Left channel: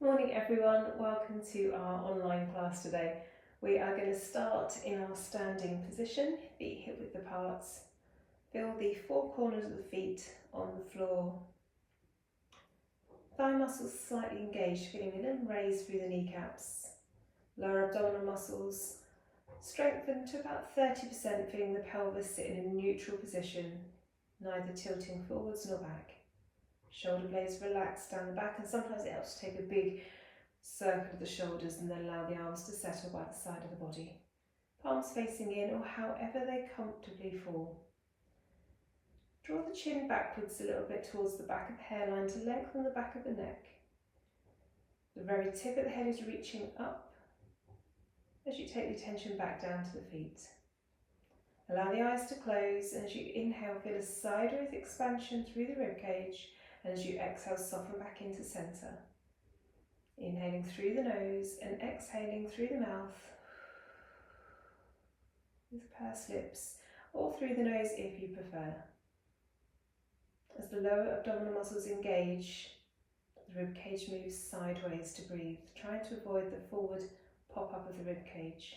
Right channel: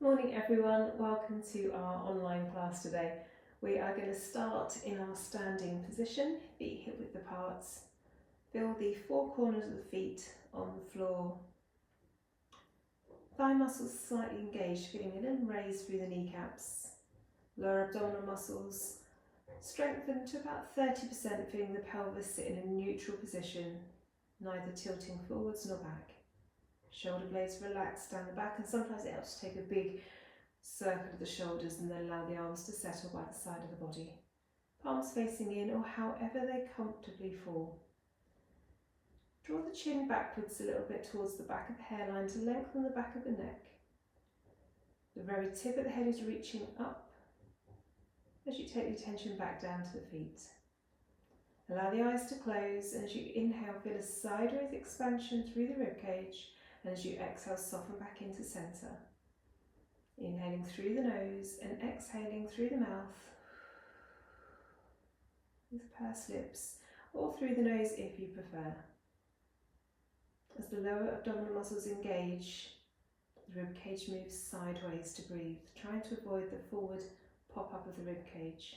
Morning everyone, welcome to our online class today. We are going to start in our standing position, feet hip width apart. Feel the four corners of the feet on the floor. Thigh muscles slightly engaged, feeling a little raise through the kneecaps. Lower abdominal muscles strengthen to about 30%, feeling the pelvis sit in a neutral position, neither tilting forwards nor back. Shoulder blades relax down the back, and sometimes it helps to take a big circle of the shoulders and then allow the arms to settle by the side of the body. Palms facing in or however they comfortably fall. Draw the chin backwards a little bit towards the back of the hairline to lengthen the back of the neck. The very tip of the head is reaching up as you take the attention back down to the feet. Allow the eyes to close, and as you inhale, feel a sideways expansion through the ribcage. And as you exhale, soften back into centre. Inhaling through the nose and exhaling through the mouth with pursed lips, or through the nose if you prefer. As the lower abdominal muscles engage, the ribcage moves sideways to breathe, trying to avoid the forward pop-up of the ribcage.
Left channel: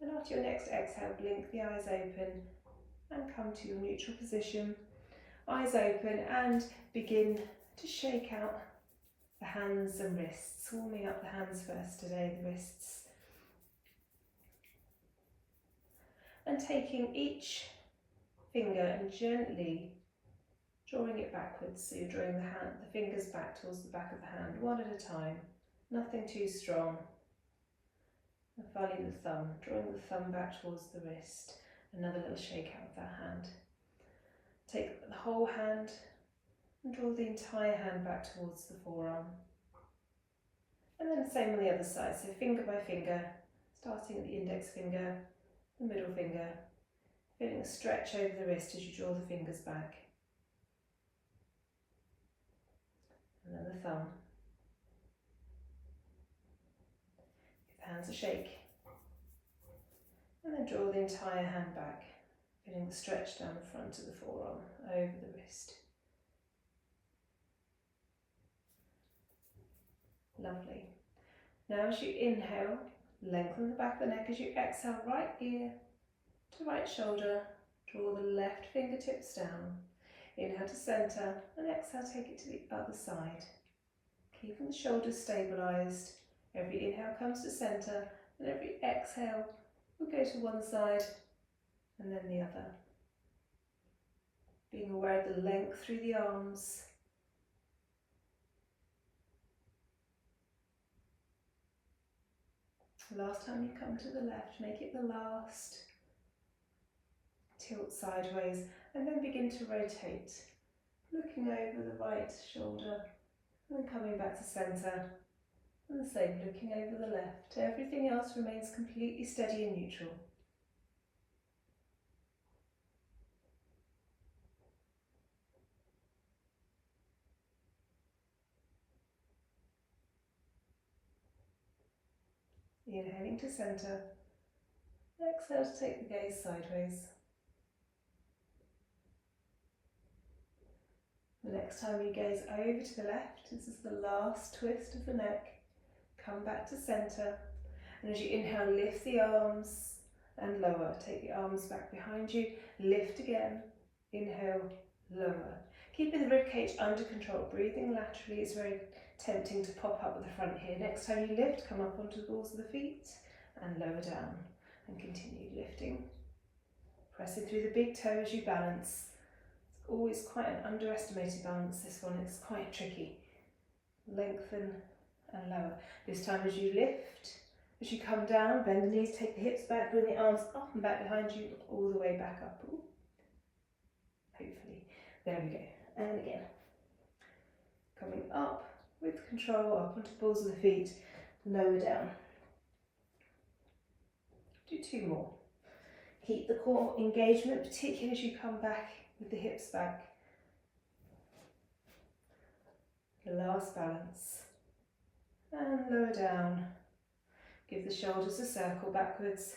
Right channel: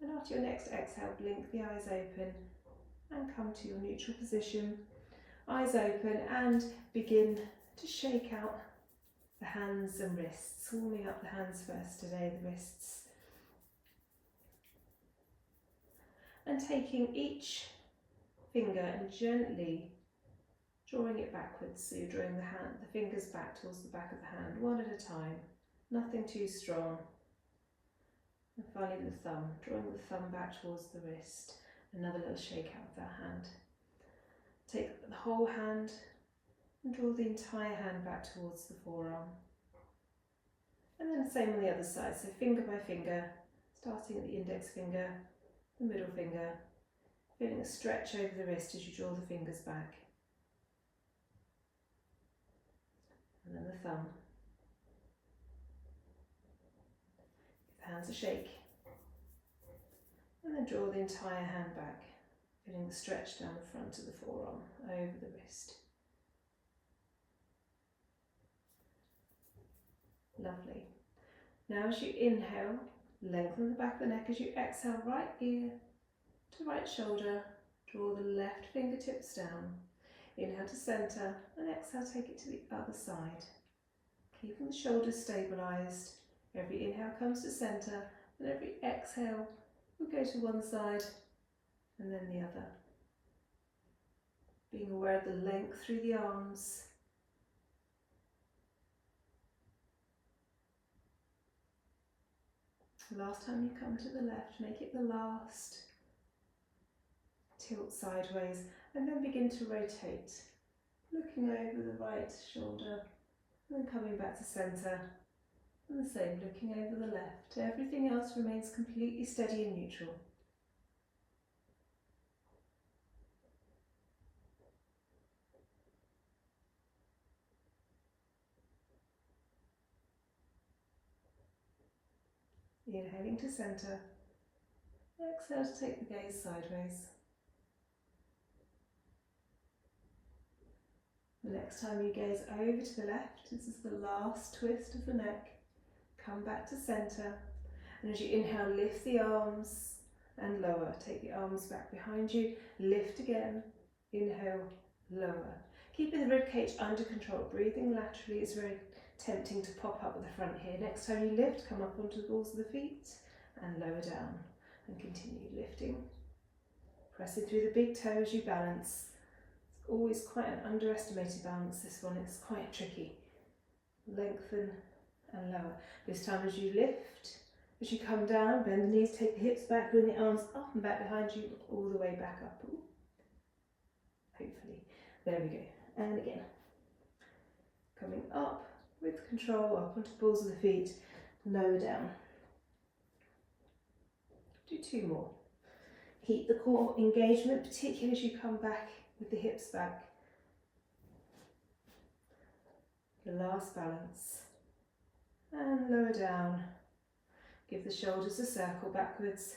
And after your next exhale, blink the eyes open and come to your neutral position. Eyes open and begin to shake out the hands and wrists. Warming up the hands first today, the wrists. And taking each finger and gently drawing it backwards. So you're drawing the fingers back towards the back of the hand, one at a time. Nothing too strong. And finally the thumb, drawing the thumb back towards the wrist. Another little shake out of that hand. Take the whole hand and draw the entire hand back towards the forearm. And then the same on the other side, so finger by finger, starting at the index finger, the middle finger, feeling a stretch over the wrist as you draw the fingers back. And then the thumb. Hands a shake, and then draw the entire hand back, feeling the stretch down the front of the forearm, over the wrist. Lovely. Now as you inhale, lengthen the back of the neck. As you exhale, right ear to right shoulder, draw the left fingertips down. Inhale to centre, and exhale, take it to the other side. Keeping the shoulders stabilised. Every inhale comes to centre, and every exhale will go to one side and then the other. Being aware of the length through the arms. Last time you come to the left, make it the last. Tilt sideways, and then begin to rotate. Looking over the right shoulder, and then coming back to centre. And the same, looking over the left. Everything else remains completely steady and neutral. Inhaling to centre. Exhale to take the gaze sideways. The next time you gaze over to the left, this is the last twist of the neck. Come back to centre, and as you inhale, lift the arms and lower. Take the arms back behind you, lift again, inhale, lower. Keeping the ribcage under control, breathing laterally is very tempting to pop up at the front here. Next time you lift, come up onto the balls of the feet and lower down, and continue lifting. Pressing through the big toe as you balance. It's always quite an underestimated balance, this one, it's quite tricky. Lengthen and lower. This time as you lift, as you come down, bend the knees, take the hips back, bring the arms up and back behind you, all the way back up. Ooh. Hopefully. There we go. And again. Coming up with control, up onto the balls of the feet, lower down. Do two more. Keep the core engagement, particularly as you come back with the hips back. The last balance. And lower down. Give the shoulders a circle backwards.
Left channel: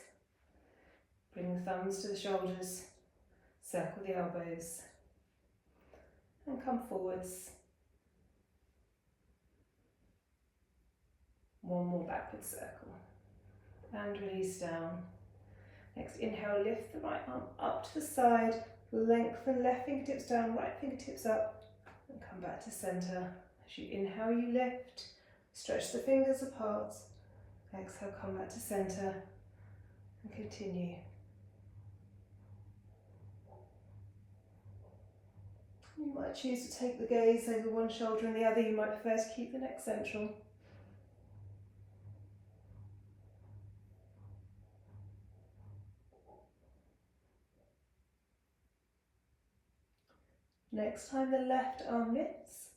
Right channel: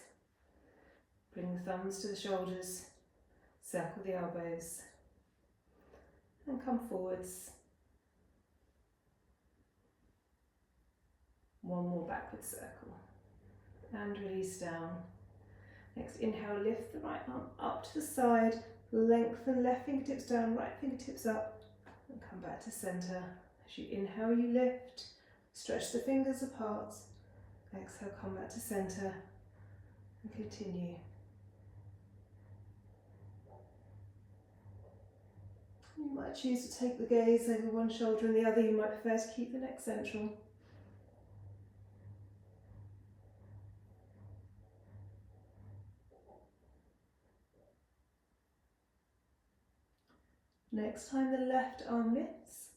Bring the thumbs to the shoulders. Circle the elbows and come forwards. One more backward circle and release down. Next, inhale, lift the right arm up to the side, lengthen left fingertips down, right fingertips up, and come back to centre. As you inhale, you lift, stretch the fingers apart. Exhale, come back to centre and continue. You might choose to take the gaze over one shoulder and the other. You might prefer to keep the neck central. Next time the left arm lifts,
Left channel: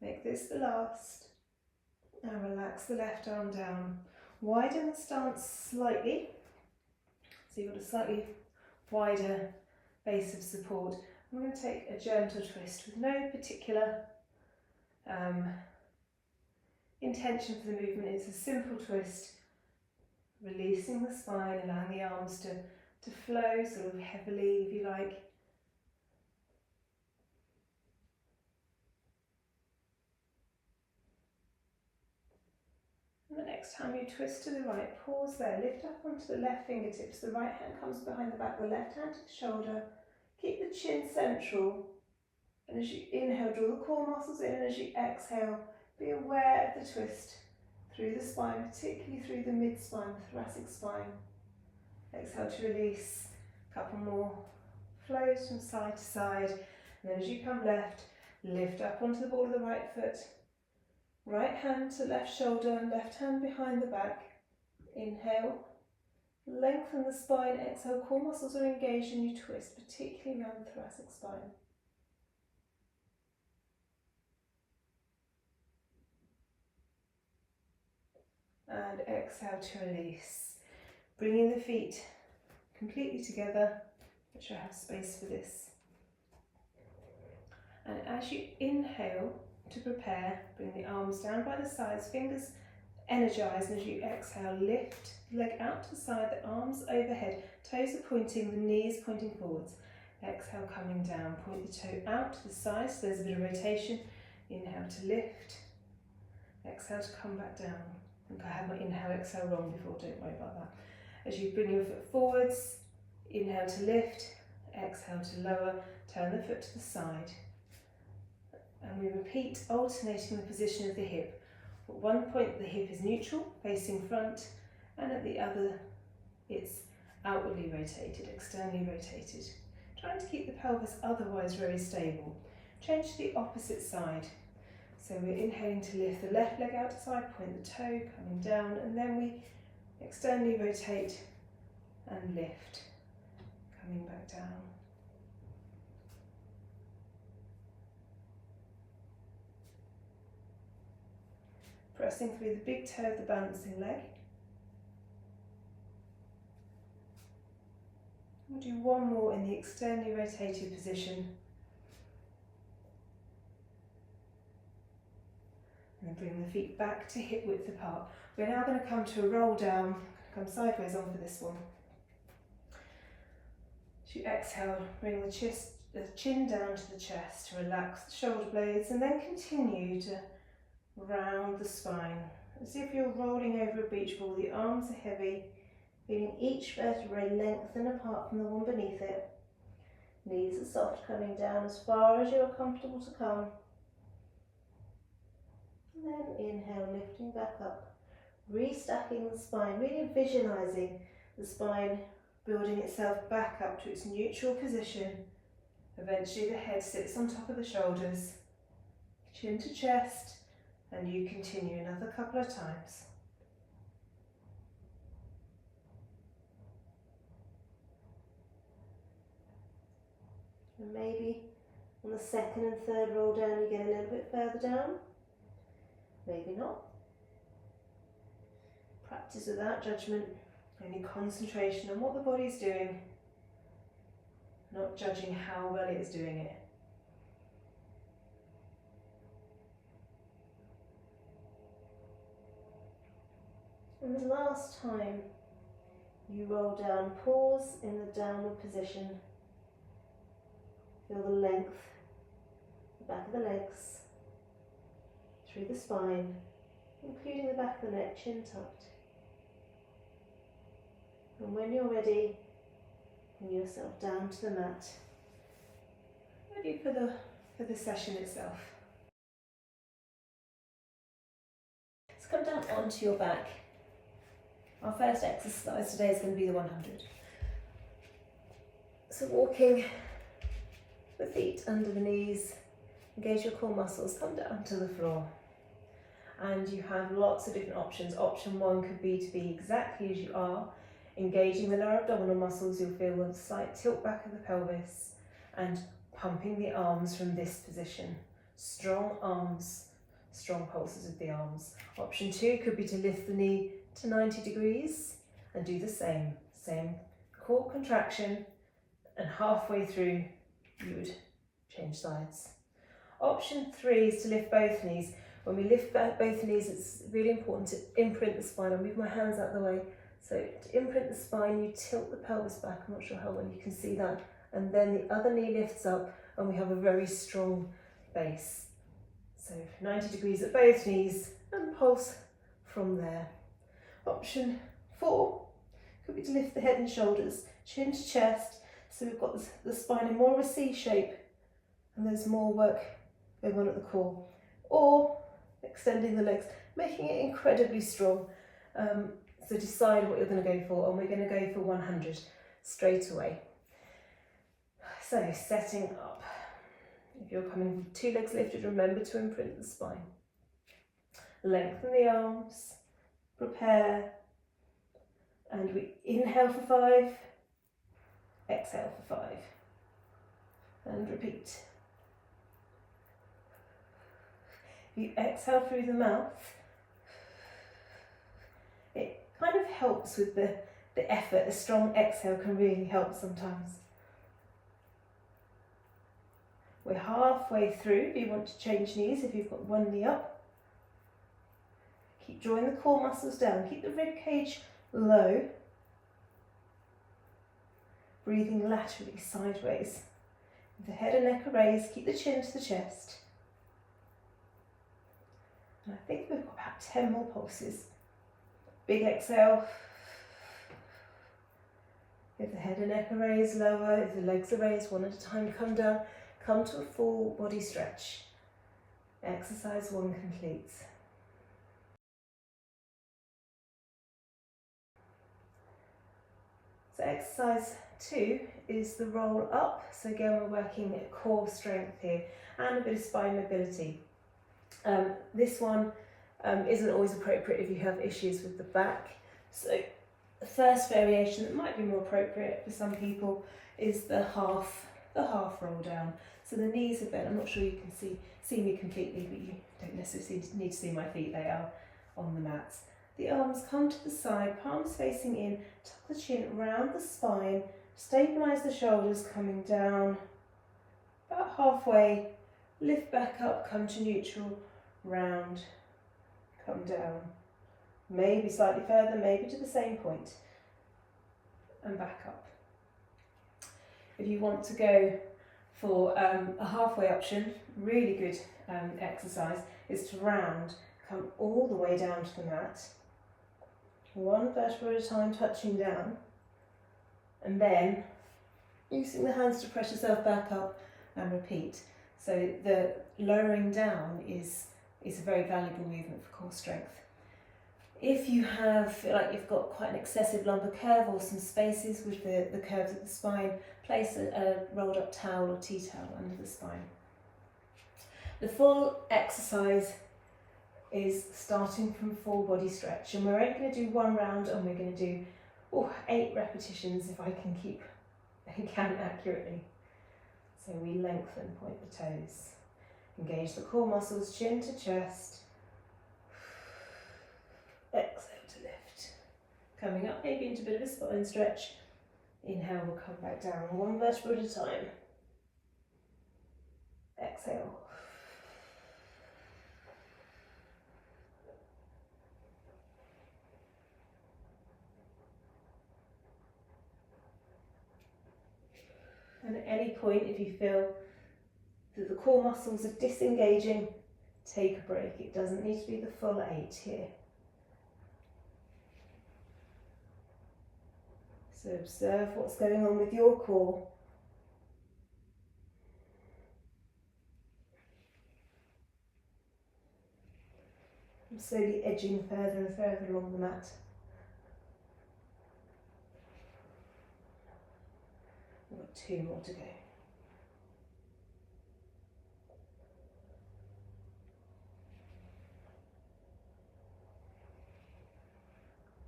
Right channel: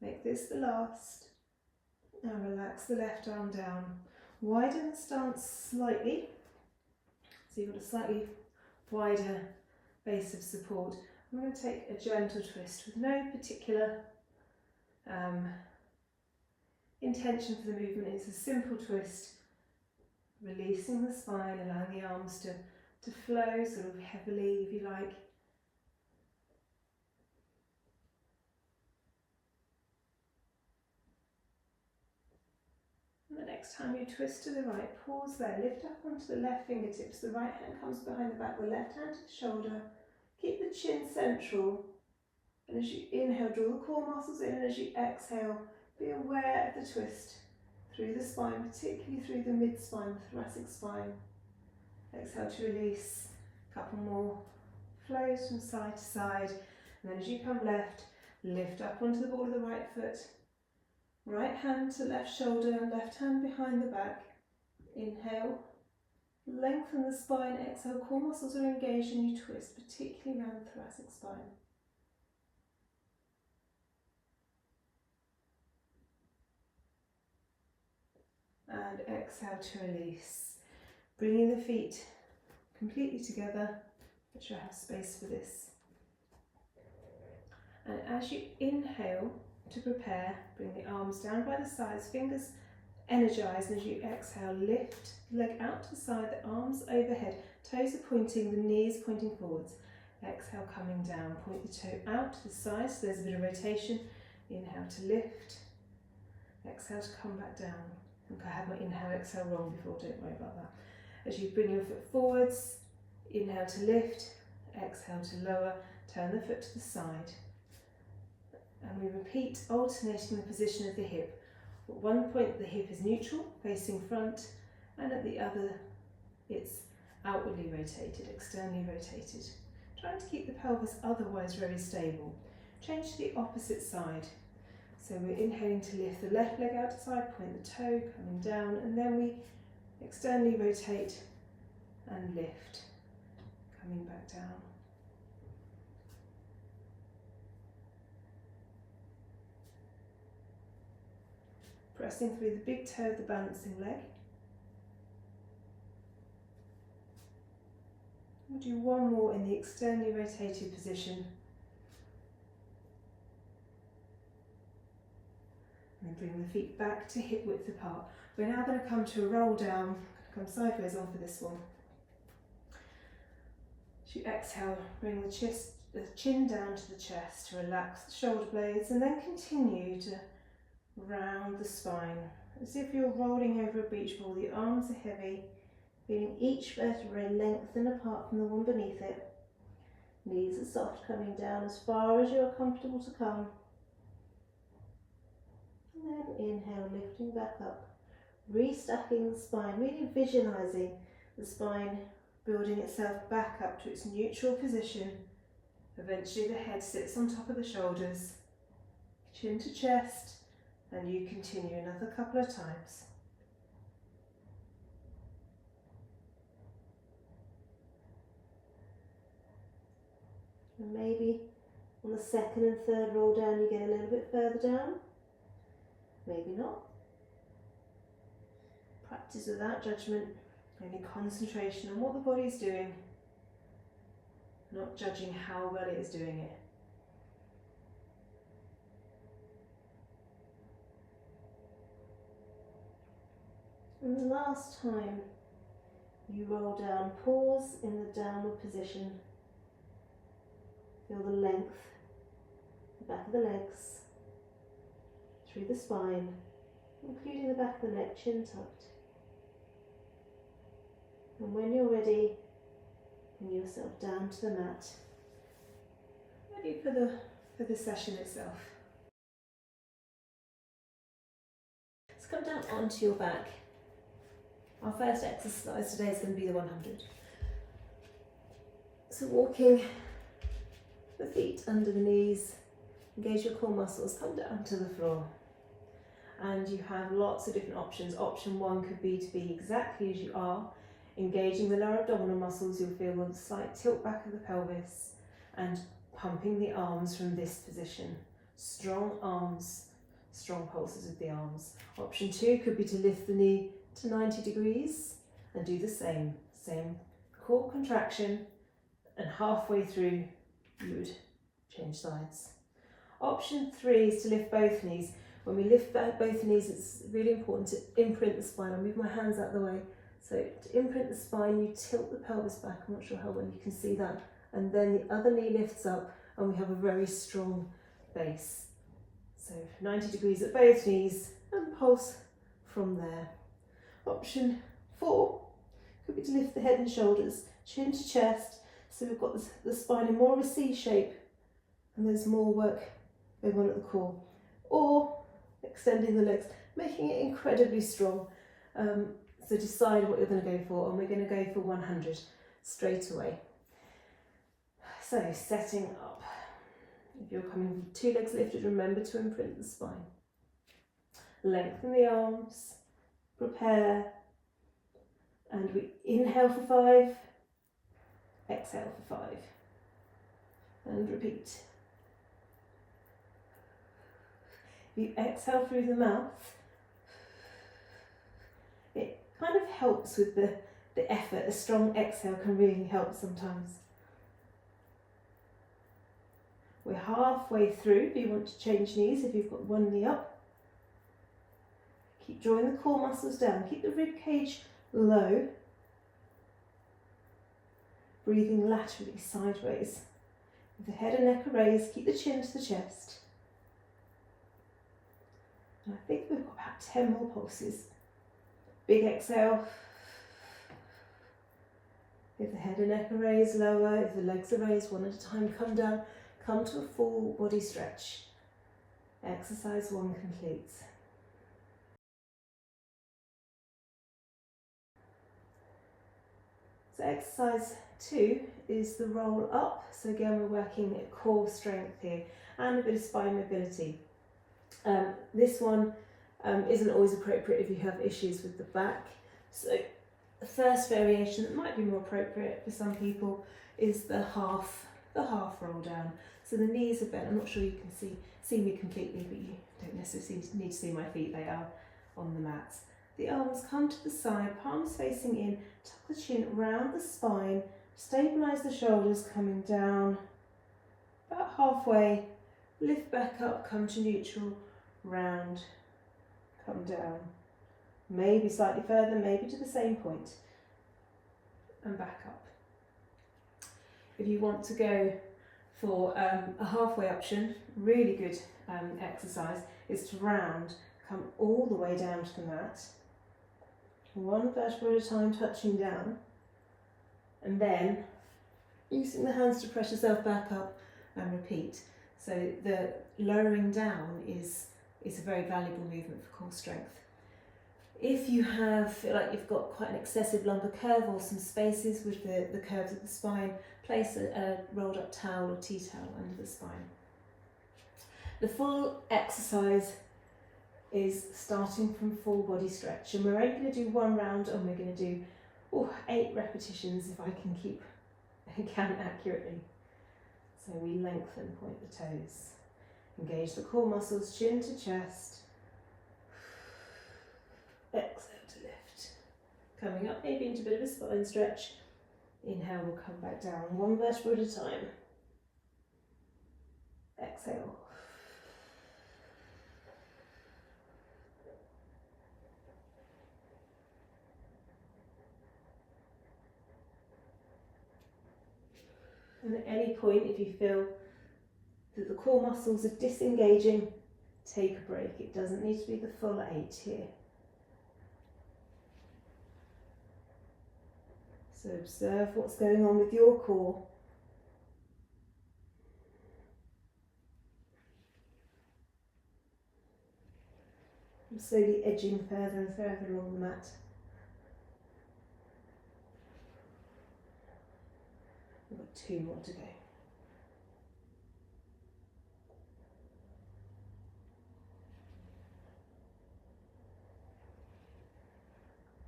make this the last, and relax the left arm down. Widen the stance slightly, so you've got a slightly wider base of support. I'm going to take a gentle twist with no particular intention for the movement. It's a simple twist, releasing the spine, allowing the arms to flow sort of heavily, if you like. And the next time you twist to the right, pause there, lift up onto the left fingertips, the right hand comes behind the back, the left hand to the shoulder, keep the chin central, and as you inhale, draw the core muscles in, and as you exhale, be aware of the twist through the spine, particularly through the mid-spine, the thoracic spine. Exhale to release, a couple more flows from side to side, and then as you come left, lift up onto the ball of the right foot, right hand to left shoulder, left hand behind the back. Inhale, lengthen the spine, exhale, core muscles are engaged and you twist, particularly around the thoracic spine. And exhale to release. Bringing the feet completely together, make sure I have space for this. And as you inhale to prepare, bring the arms down by the sides, fingers energized, and as you exhale, lift the leg out to the side, the arms overhead, toes are pointing, the knees pointing forwards. Exhale, coming down, point the toe out to the side, so there's a bit of rotation. Inhale to lift, exhale to come back down. I think I had my inhale, exhale wrong before, don't worry about that. As you bring your foot forwards, inhale to lift, exhale to lower, turn the foot to the side. And we repeat, alternating the position of the hip. At one point the hip is neutral, facing front, and at the other it's outwardly rotated, externally rotated. Trying to keep the pelvis otherwise very stable. Change to the opposite side. So we're inhaling to lift the left leg out to side, point the toe, coming down, and then we externally rotate and lift, coming back down. Pressing through the big toe of the balancing leg. We'll do one more in the externally rotated position. And then bring the feet back to hip width apart. We're now going to come to a roll down, come sideways on for this one. As you exhale, bring the chin down to the chest to relax the shoulder blades, and then continue to round the spine, as if you're rolling over a beach ball. The arms are heavy, feeling each vertebrae lengthen apart from the one beneath it. Knees are soft, coming down as far as you're comfortable to come. And then inhale, lifting back up, restacking the spine, really visualising the spine building itself back up to its neutral position. Eventually the head sits on top of the shoulders, chin to chest, and you continue another couple of times. And maybe on the second and third roll down you get a little bit further down, maybe not. Practice without judgment, only concentration on what the body's doing, not judging how well it is doing it. And the last time you roll down, pause in the downward position. Feel the length, the back of the legs, through the spine, including the back of the neck, chin tucked. And when you're ready, bring yourself down to the mat, ready for the session itself. Let's come down onto your back. Our first exercise today is going to be the 100. So walking the feet under the knees, engage your core muscles, come down to the floor. And you have lots of different options. Option 1 could be to be exactly as you are, engaging the lower abdominal muscles. You'll feel a slight tilt back of the pelvis and pumping the arms from this position. Strong arms, strong pulses of the arms. Option 2 could be to lift the knee to 90 degrees and do the same core contraction, and halfway through you would change sides. Option 3 is to lift both knees. When we lift both knees, it's really important to imprint the spine. I'll move my hands out of the way. So to imprint the spine, you tilt the pelvis back. I'm not sure how well you can see that. And then the other knee lifts up and we have a very strong base. So 90 degrees at both knees and pulse from there. Option 4 could be to lift the head and shoulders, chin to chest. So we've got the spine in more of a C shape and there's more work going on at the core. Or extending the legs, making it incredibly strong. So decide what you're going to go for, and we're going to go for 100 straight away. So setting up. If you're coming with 2 legs lifted, remember to imprint the spine. Lengthen the arms, prepare, and we inhale for 5, exhale for 5, and repeat. You exhale through the mouth. It kind of helps with the effort. A strong exhale can really help sometimes. We're halfway through. Do you want to change knees if you've got one knee up? Keep drawing the core muscles down. Keep the rib cage low. Breathing laterally, sideways. With the head and neck are raised, keep the chin to the chest. And I think we've got about 10 more pulses. Big exhale. If the head and neck are raised, lower. If the legs are raised, one at a time, come down. Come to a full body stretch. Exercise 1 complete. So exercise 2 is the roll up. So again, we're working at core strength here and a bit of spine mobility. This one isn't always appropriate if you have issues with the back. So the first variation that might be more appropriate for some people is the half roll down. So the knees are bent. I'm not sure you can see me completely, but you don't necessarily need to see my feet. They are on the mats. The arms come to the side, palms facing in, tuck the chin round the spine, stabilise the shoulders coming down, about halfway, lift back up, come to neutral, round, come down, maybe slightly further, maybe to the same point, and back up. If you want to go for a halfway option, really good exercise is to round, come all the way down to the mat, 1 vertebra at a time touching down, and then using the hands to press yourself back up and repeat. So the lowering down is a very valuable movement for core strength. If you feel like you've got quite an excessive lumbar curve or some spaces with the curves of the spine, place a rolled up towel or tea towel under the spine. The full exercise is starting from full body stretch, and we're only going to do 1 round, and we're going to do 8 repetitions if I can count accurately. So we lengthen, point the toes. Engage the core muscles, chin to chest. Exhale to lift. Coming up maybe into a bit of a spine stretch. Inhale, we'll come back down 1 vertebra at a time. Exhale. And at any point, if you feel that the core muscles are disengaging, take a break. It doesn't need to be the full 8 here. So observe what's going on with your core. And slowly edging further and further along the mat. We've got 2 more to go.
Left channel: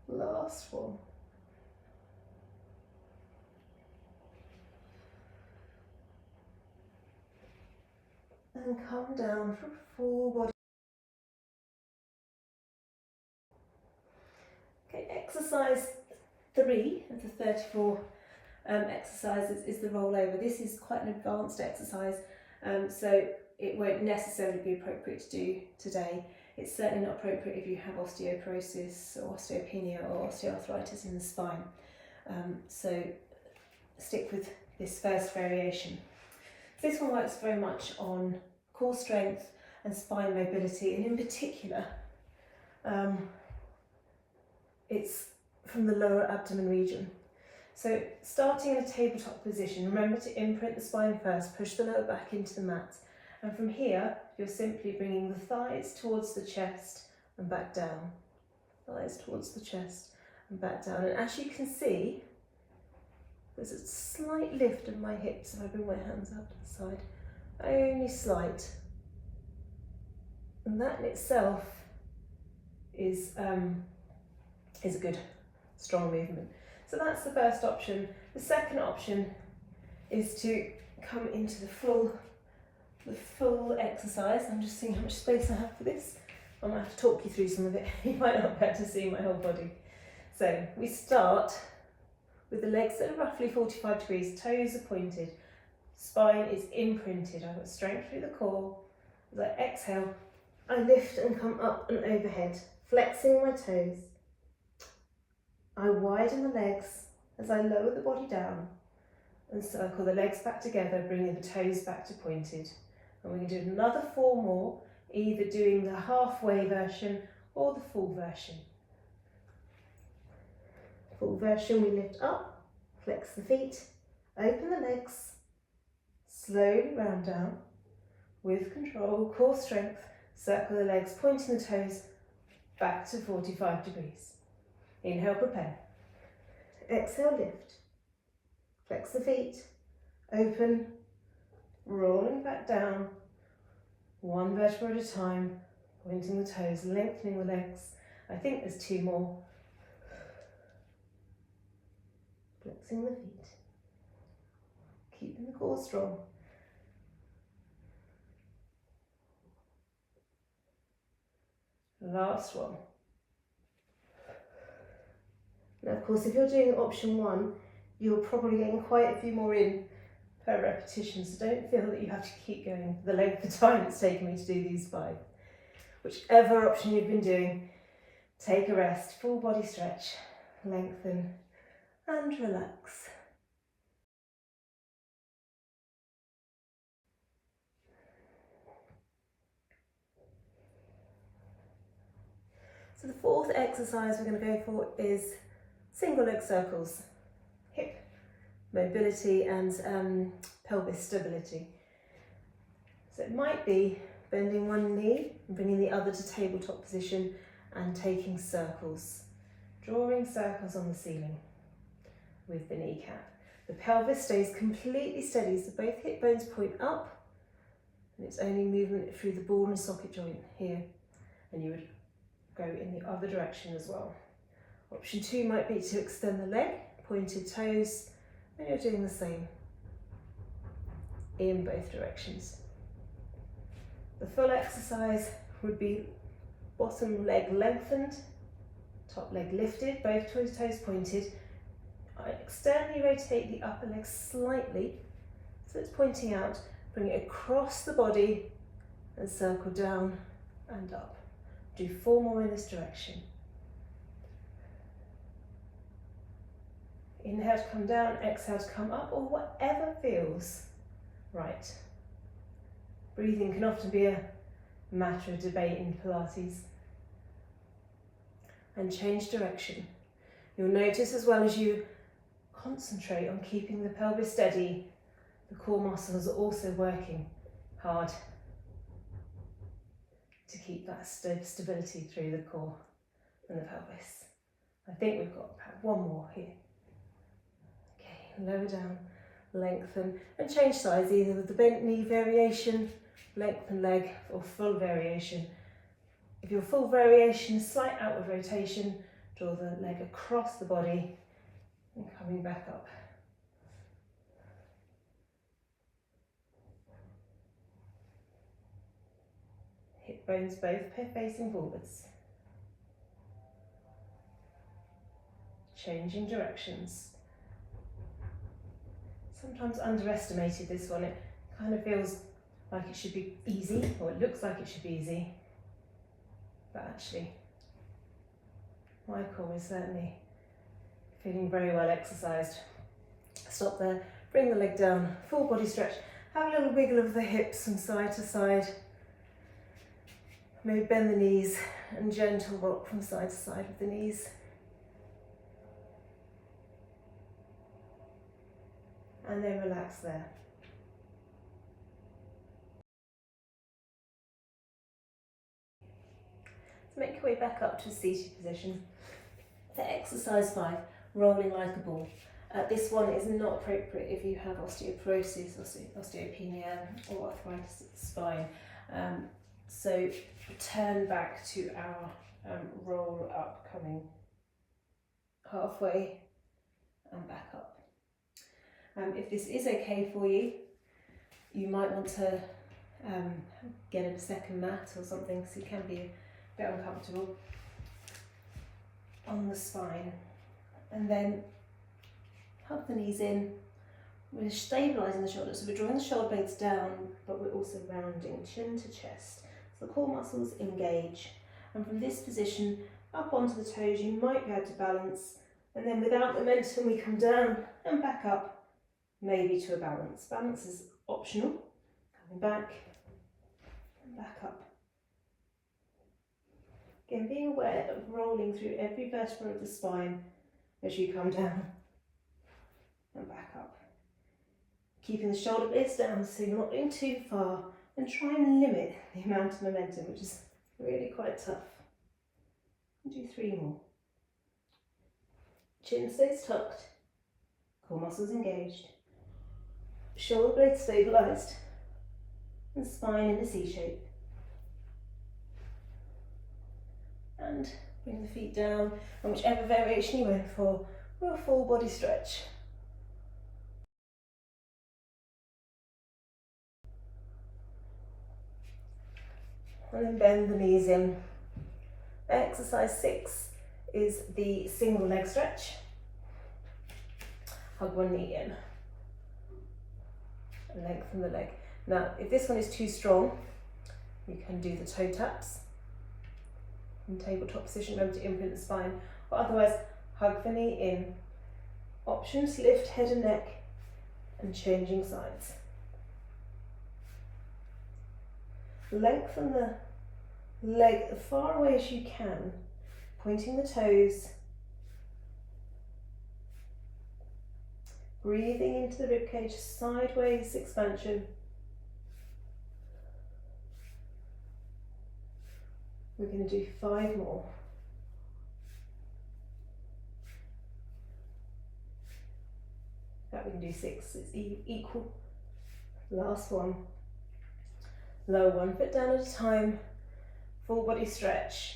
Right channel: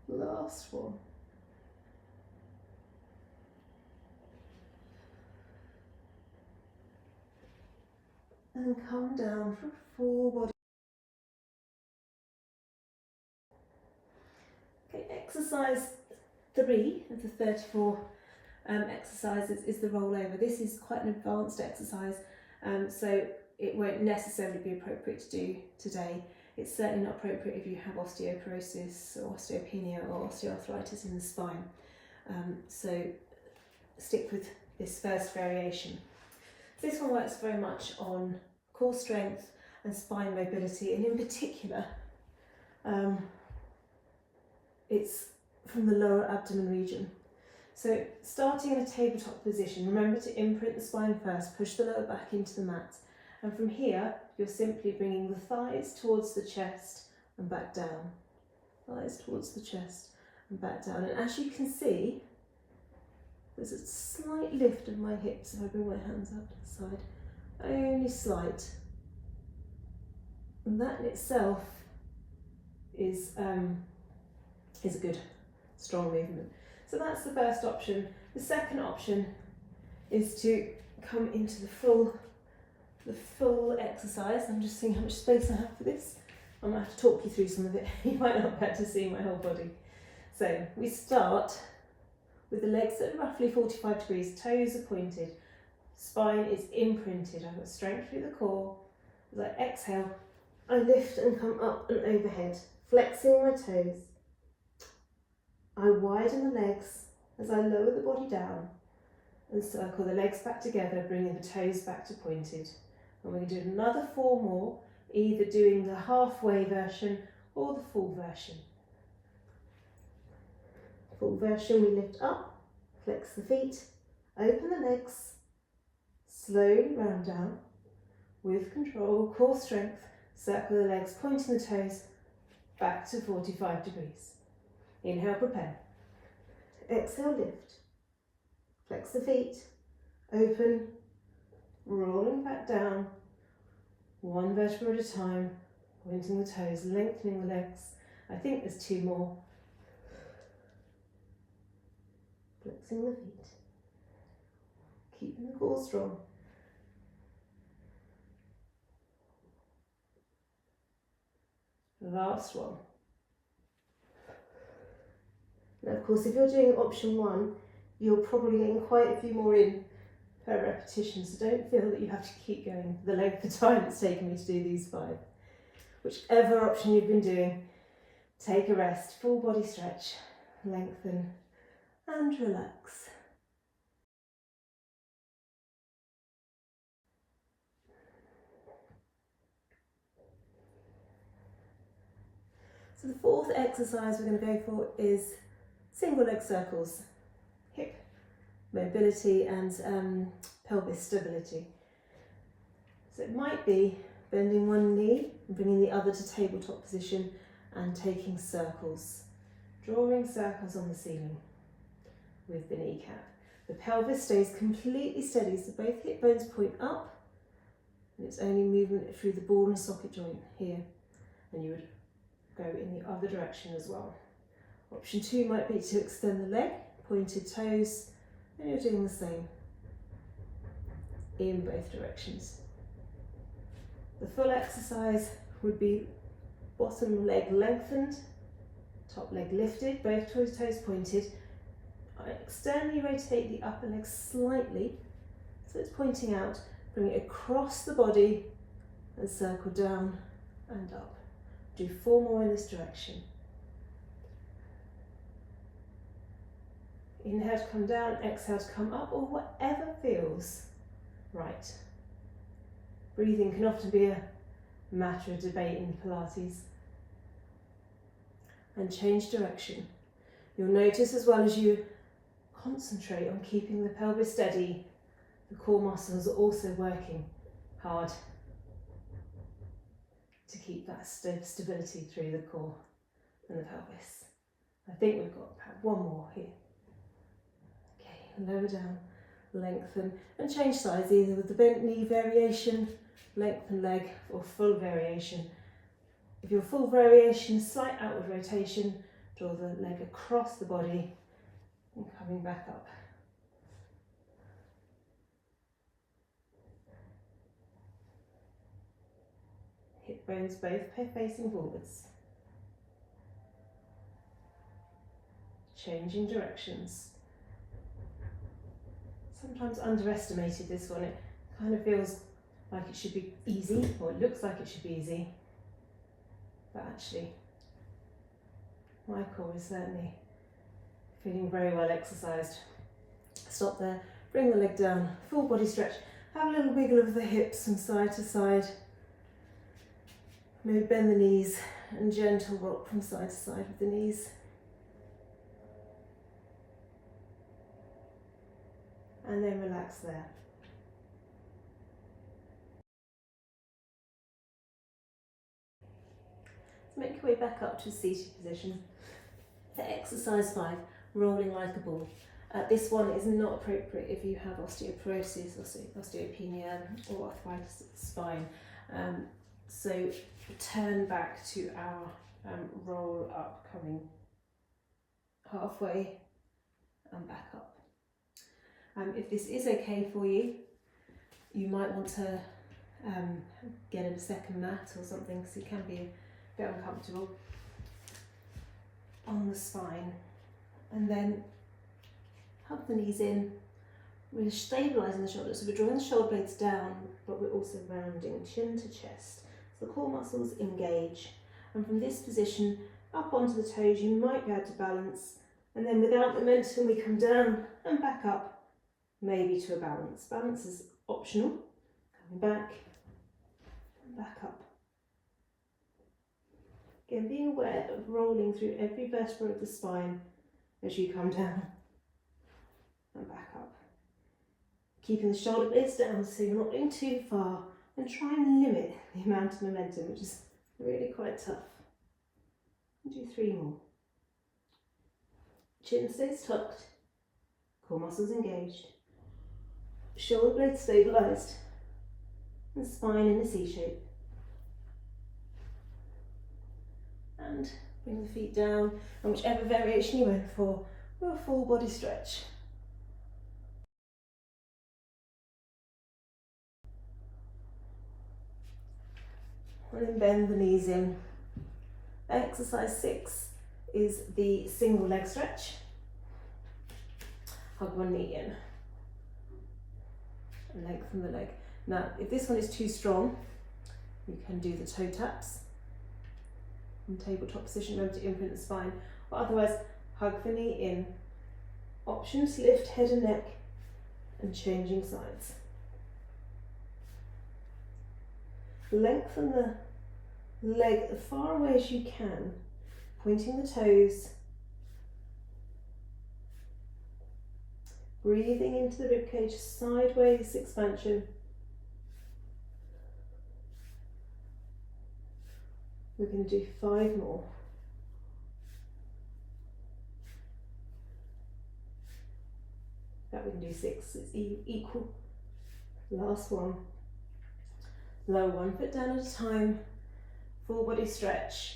Last one. And come down for full body. Okay, exercise 3 of the 34 exercises is the rollover. This is quite an advanced exercise, so it won't necessarily be appropriate to do today. It's certainly not appropriate if you have osteoporosis or osteopenia or osteoarthritis in the spine. So stick with this first variation. This one works very much on core strength and spine mobility, and in particular, it's from the lower abdomen region. So starting in a tabletop position, remember to imprint the spine first, push the lower back into the mat. And from here, you're simply bringing the thighs towards the chest and back down. Thighs towards the chest and back down. And as you can see, there's a slight lift of my hips if I bring my hands out to the side. Only slight. And that in itself is a good, strong movement. So that's the first option. The second option is to come into the full exercise. I'm just seeing how much space I have for this. I might have to talk you through some of it. You might not be able to see my whole body. So we start with the legs that are roughly 45 degrees, toes are pointed, spine is imprinted. I've got strength through the core. As I exhale, I lift and come up and overhead, flexing my toes. I widen the legs as I lower the body down and circle the legs back together, bringing the toes back to pointed. And we're going to do another 4 more, either doing the halfway version or the full version. Full version, we lift up, flex the feet, open the legs, slowly round down, with control, core strength, circle the legs, pointing the toes back to 45 degrees. Inhale, prepare. Exhale, lift. Flex the feet, open, rolling back down, 1 vertebra at a time, pointing the toes, lengthening the legs. I think there's 2 more. Flexing the feet, keeping the core strong. Last one. Now, of course, if you're doing option 1, you're probably getting quite a few more in per repetition, so don't feel that you have to keep going the length of time it's taken me to do these 5. Whichever option you've been doing, take a rest, full body stretch, lengthen and relax. So the 4th exercise we're going to go for is single leg circles, hip mobility and pelvis stability. So it might be bending one knee and bringing the other to tabletop position and taking circles, drawing circles on the ceiling with the kneecap. The pelvis stays completely steady, so both hip bones point up, and it's only movement through the ball and socket joint here, and you would go in the other direction as well. Option 2 might be to extend the leg, pointed toes, and you're doing the same in both directions. The full exercise would be bottom leg lengthened, top leg lifted, both toes pointed. I externally rotate the upper leg slightly, so it's pointing out, bring it across the body and circle down and up. Do 4 more in this direction. Inhale to come down, exhale to come up, or whatever feels right. Breathing can often be a matter of debate in Pilates. And change direction. You'll notice as well as you concentrate on keeping the pelvis steady, the core muscles are also working hard to keep that stability through the core and the pelvis. I think we've got about one more here. Okay, lower down, lengthen, and change sides either with the bent knee variation, lengthen leg, or full variation. If your full variation is slight outward rotation, draw the leg across the body and coming back up. Hip bones both facing forwards. Changing directions. Sometimes underestimated, this one. It kind of feels like it should be easy, or it looks like it should be easy. But actually, my core is certainly feeling very well exercised. Stop there, bring the leg down, full body stretch. Have a little wiggle of the hips from side to side. Maybe bend the knees and gentle rock from side to side with the knees. And then relax there. Make your way back up to a seated position. For exercise 5, rolling like a ball. This one is not appropriate if you have osteoporosis, osteopenia, or arthritis of the spine. So turn back to our roll up, coming halfway and back up. If this is okay for you, you might want to get a second mat or something, because it can be a bit uncomfortable on the spine. And then hug the knees in. We're stabilising the shoulders, so we're drawing the shoulder blades down, but we're also rounding chin to chest. So the core muscles engage. And from this position, up onto the toes, you might be able to balance. And then without momentum, we come down and back up, maybe to a balance. Balance is optional. Coming back and back up. Again, being aware of rolling through every vertebra of the spine as you come down and back up. Keeping the shoulder blades down so you're not going too far, and try and limit the amount of momentum, which is really quite tough. And do 3 more. Chin stays tucked, core muscles engaged, shoulder blades stabilised, and spine in a C shape. And bring the feet down, and whichever variation you went for, we'll full body stretch. And then bend the knees in. Exercise 6 is the single leg stretch. Hug one knee in and lengthen the leg. Now, if this one is too strong, you can do the toe taps in tabletop position, remember to imprint the spine, or otherwise hug the knee in. Options: lift head and neck and changing sides. Lengthen the leg as far away as you can, pointing the toes, breathing into the ribcage, sideways expansion. We're going to do 5 more. That we can do 6, it's equal. Last one. Lower one foot down at a time, full body stretch.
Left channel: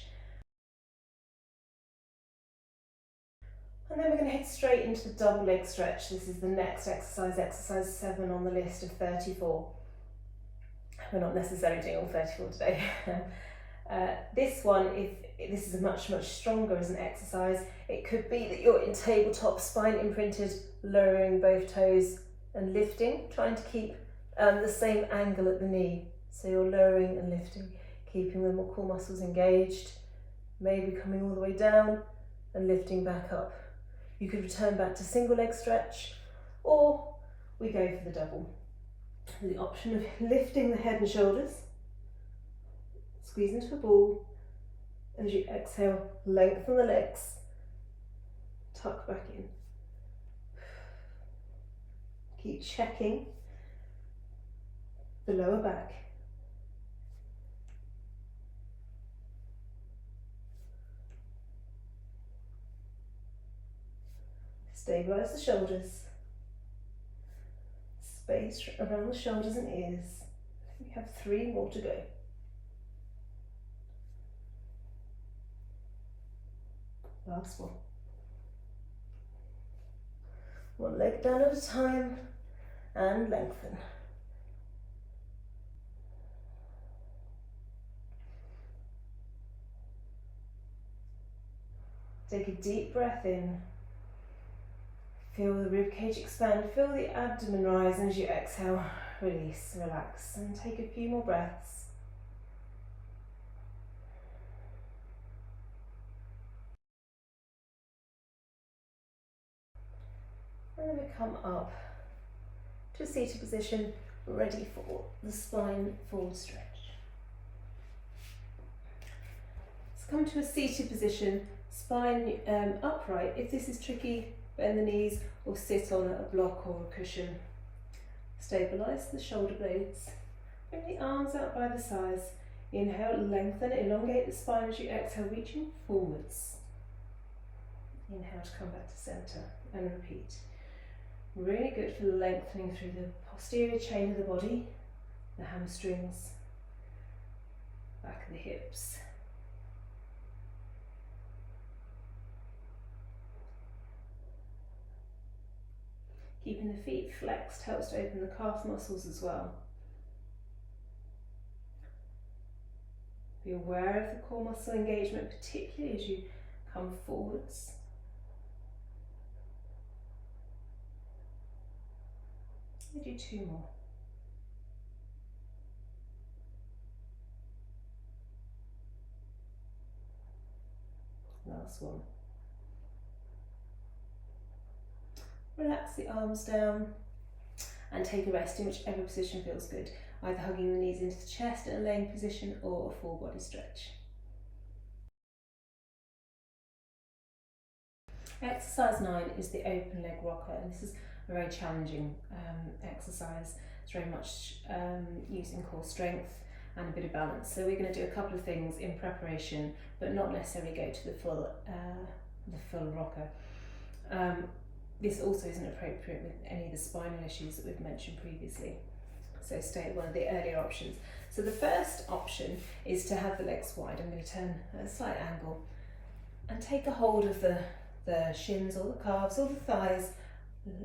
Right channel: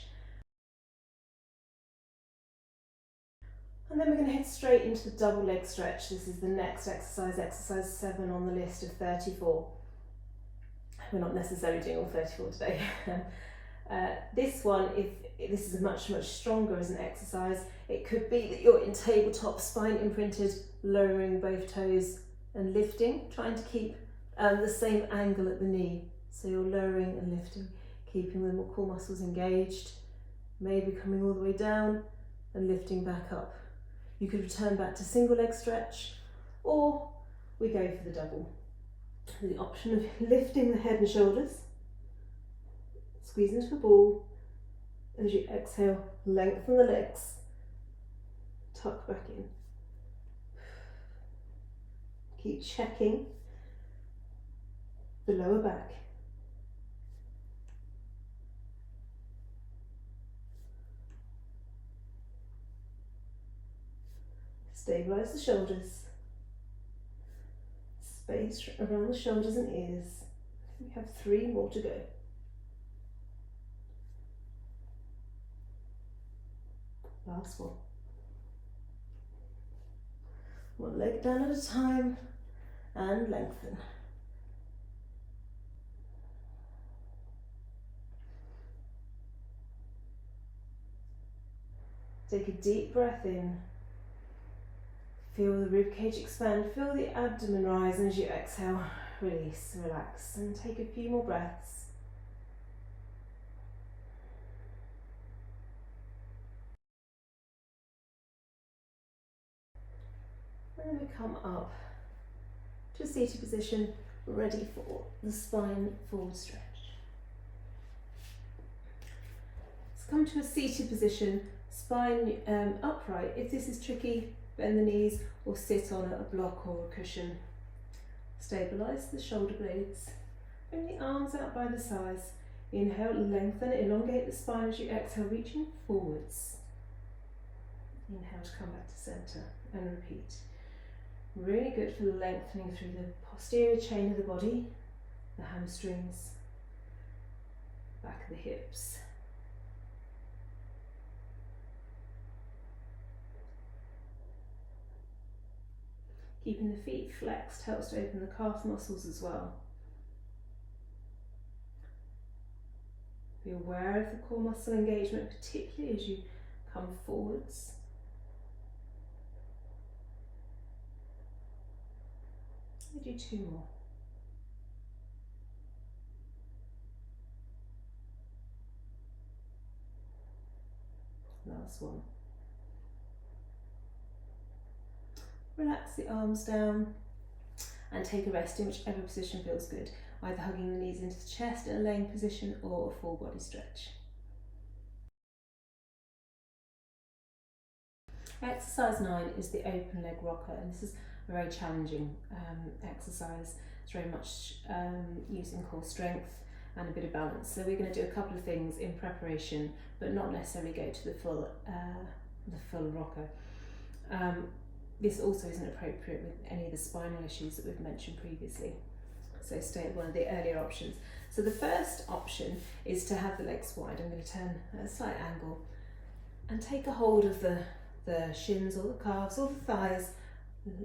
And then we're going to head straight into the double leg stretch. This is the next exercise, exercise 7 on the list of 34. We're not necessarily doing all 34 today. This one, if this is much stronger as an exercise, it could be that you're in tabletop, spine imprinted, lowering both toes and lifting, trying to keep the same angle at the knee. So you're lowering and lifting, keeping the core muscles engaged, maybe coming all the way down and lifting back up. You could return back to single leg stretch, or we go for the double. The option of lifting the head and shoulders, squeeze into the ball, and as you exhale, lengthen the legs, tuck back in. Keep checking the lower back. Stabilise the shoulders. Space around the shoulders and ears. We have 3 more to go. Last one. One leg down at a time and lengthen. Take a deep breath in. Feel the ribcage expand, feel the abdomen rise, and as you exhale, release, relax, and take a few more breaths. And then we come up to a seated position, ready for the spine forward stretch. Let's come to a seated position, spine upright. If this is tricky, bend the knees or sit on a block or a cushion. Stabilise the shoulder blades. Bring the arms out by the sides. Inhale, lengthen, elongate the spine as you exhale, reaching forwards. Inhale to come back to centre and repeat. Really good for lengthening through the posterior chain of the body, the hamstrings, back of the hips. Keeping the feet flexed helps to open the calf muscles as well. Be aware of the core muscle engagement, particularly as you come forwards. We do 2 more. Last one. Relax the arms down and take a rest in whichever position feels good, either hugging the knees into the chest in a laying position or a full body stretch. Exercise 9 is the open leg rocker, and this is a very challenging exercise. It's very much using core strength and a bit of balance. So we're going to do a couple of things in preparation, but not necessarily go to the full rocker. This also isn't appropriate with any of the spinal issues that we've mentioned previously. So stay at one of the earlier options. So the first option is to have the legs wide. I'm going to turn at a slight angle and take a hold of the shins or the calves or the thighs,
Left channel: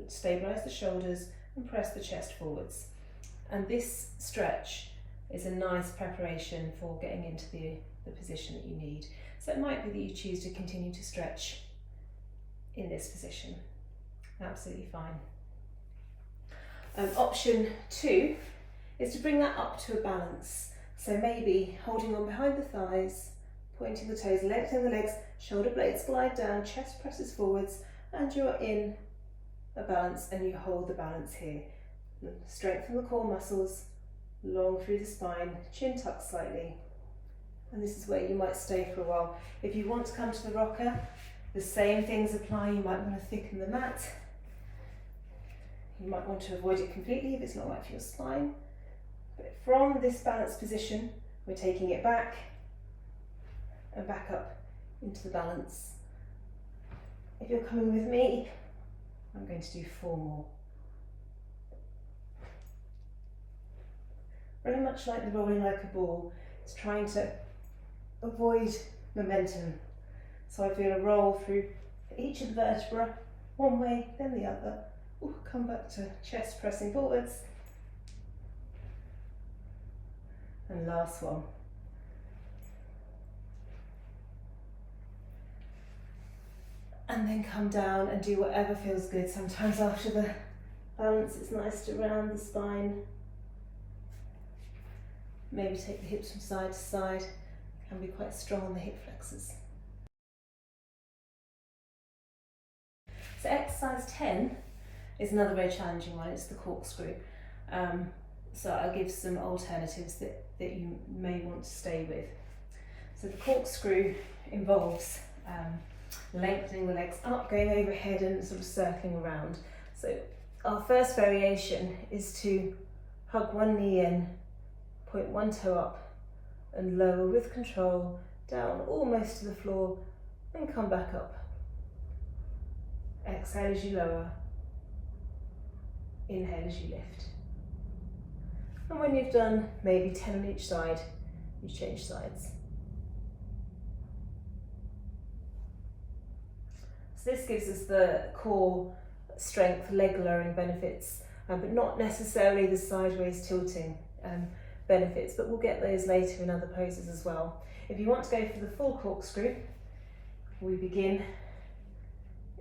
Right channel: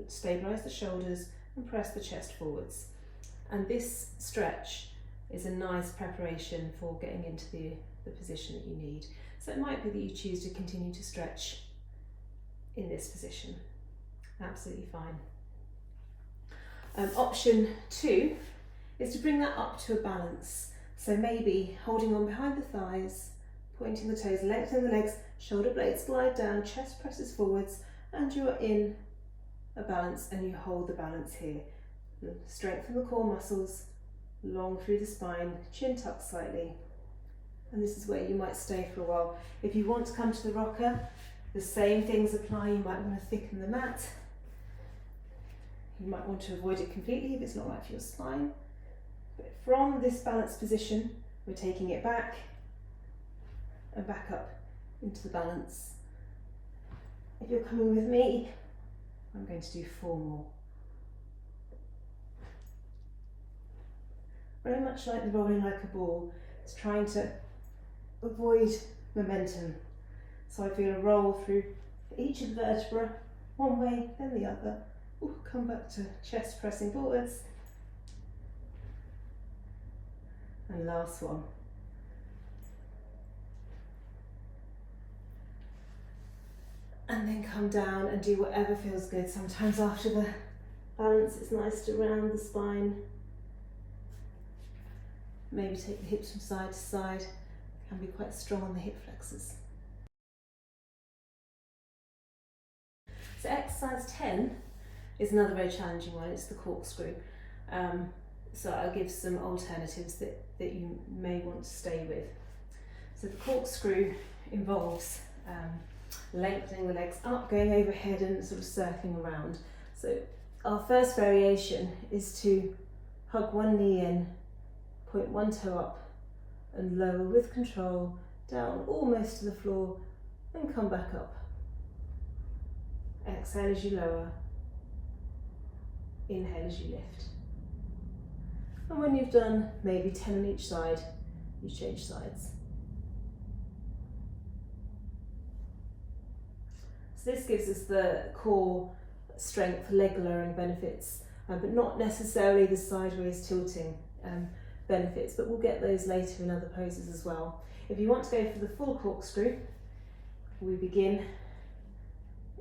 stabilise the shoulders and press the chest forwards. And this stretch is a nice preparation for getting into the position that you need. So it might be that you choose to continue to stretch in this position. Absolutely fine. Option 2 is to bring that up to a balance. So maybe holding on behind the thighs, pointing the toes, lengthening the legs, shoulder blades glide down, chest presses forwards, and you're in a balance and you hold the balance here. Strengthen the core muscles, long through the spine, chin tucked slightly. And this is where you might stay for a while. If you want to come to the rocker, the same things apply. You might want to thicken the mat. You might want to avoid it completely if it's not right for your spine. But from this balanced position, we're taking it back and back up into the balance. If you're coming with me, I'm going to do 4 more. Very much like the rolling like a ball, it's trying to avoid momentum. So I feel a roll through each of the vertebrae, one way, then the other. Ooh, come back to chest pressing forwards. And last one. And then come down and do whatever feels good. Sometimes after the balance it's nice to round the spine. Maybe take the hips from side to side. Can be quite strong on the hip flexors. So exercise 10 is another very challenging one. It's the corkscrew. So I'll give some alternatives that you may want to stay with. So the corkscrew involves lengthening the legs up, going overhead and sort of circling around. So our first variation is to hug one knee in, point one toe up and lower with control, down almost to the floor and come back up. Exhale as you lower, inhale as you lift. And when you've done maybe 10 on each side, you change sides. So this gives us the core strength, leg lowering benefits, but not necessarily the sideways tilting benefits, but we'll get those later in other poses as well. If you want to go for the full corkscrew, we begin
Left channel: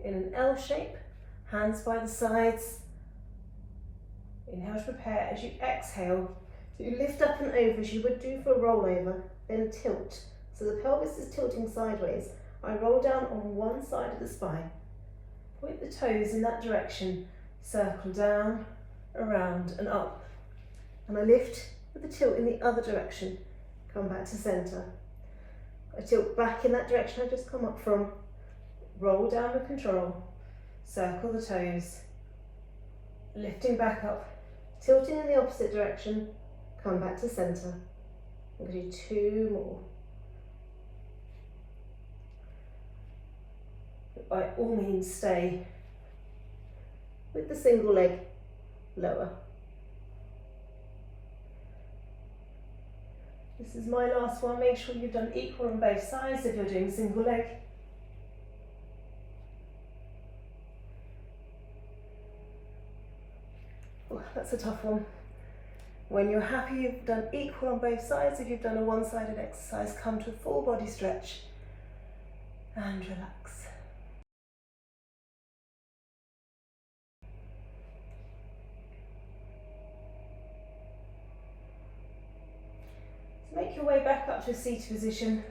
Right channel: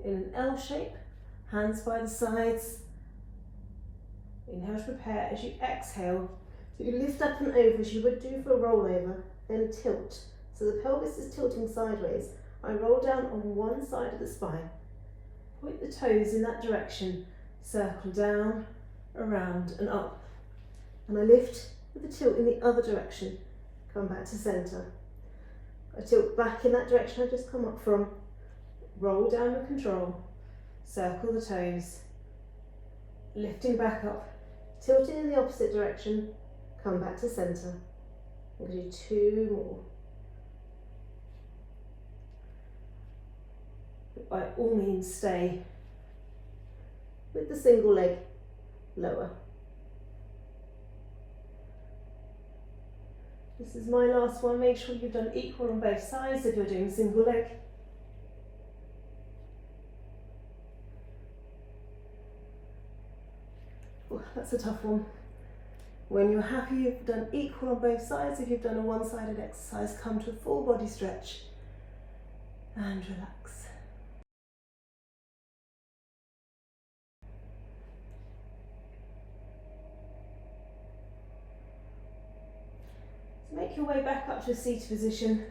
in an L shape, hands by the sides. Inhale to prepare. As you exhale, so you lift up and over as you would do for a rollover, then tilt. So the pelvis is tilting sideways. I roll down on one side of the spine, point the toes in that direction, circle down, around and up. And I lift with the tilt in the other direction, come back to centre. I tilt back in that direction I've just come up from, roll down with control, circle the toes, lifting back up, tilting in the opposite direction, come back to centre. I'm going to do two more. But by all means stay with the single leg lower. This is my last one. Make sure you've done equal on both sides if you're doing single leg. Oh, that's a tough one. When you're happy you've done equal on both sides, if you've done a one-sided exercise, come to a full body stretch and relax. So make your way back up to a seated position.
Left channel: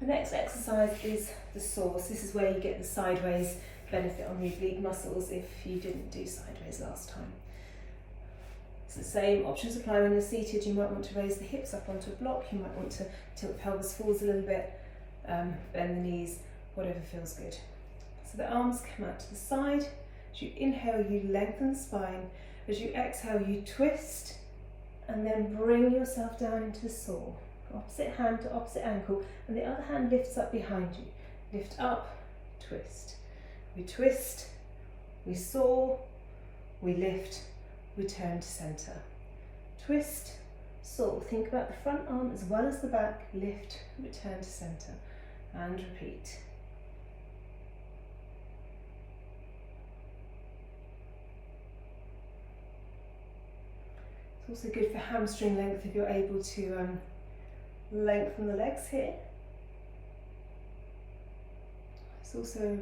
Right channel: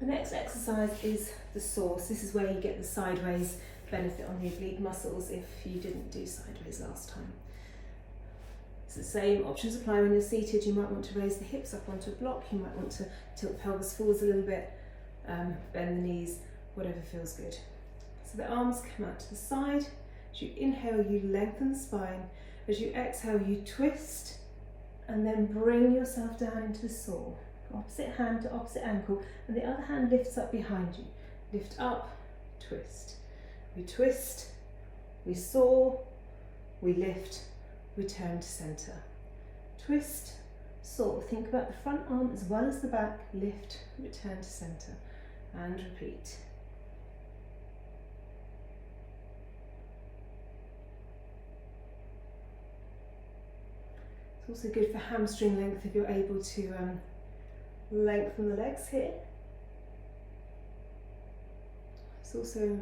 The next exercise is the source. This is where you get the sideways benefit on the oblique muscles if you didn't do sideways last time. It's the same options apply when you're seated. You might want to raise the hips up onto a block, you might want to tilt the pelvis forwards a little bit, bend the knees, whatever feels good. So the arms come out to the side. As you inhale, you lengthen the spine. As you exhale, you twist and then bring yourself down into the saw. Opposite hand to opposite ankle, and the other hand lifts up behind you. Lift up, twist. We twist, we saw, we lift, return to centre. Twist, saw. Think about the front arm as well as the back. Lift, return to centre, and repeat. It's also good for hamstring length if you're able to lengthen the legs here. It's also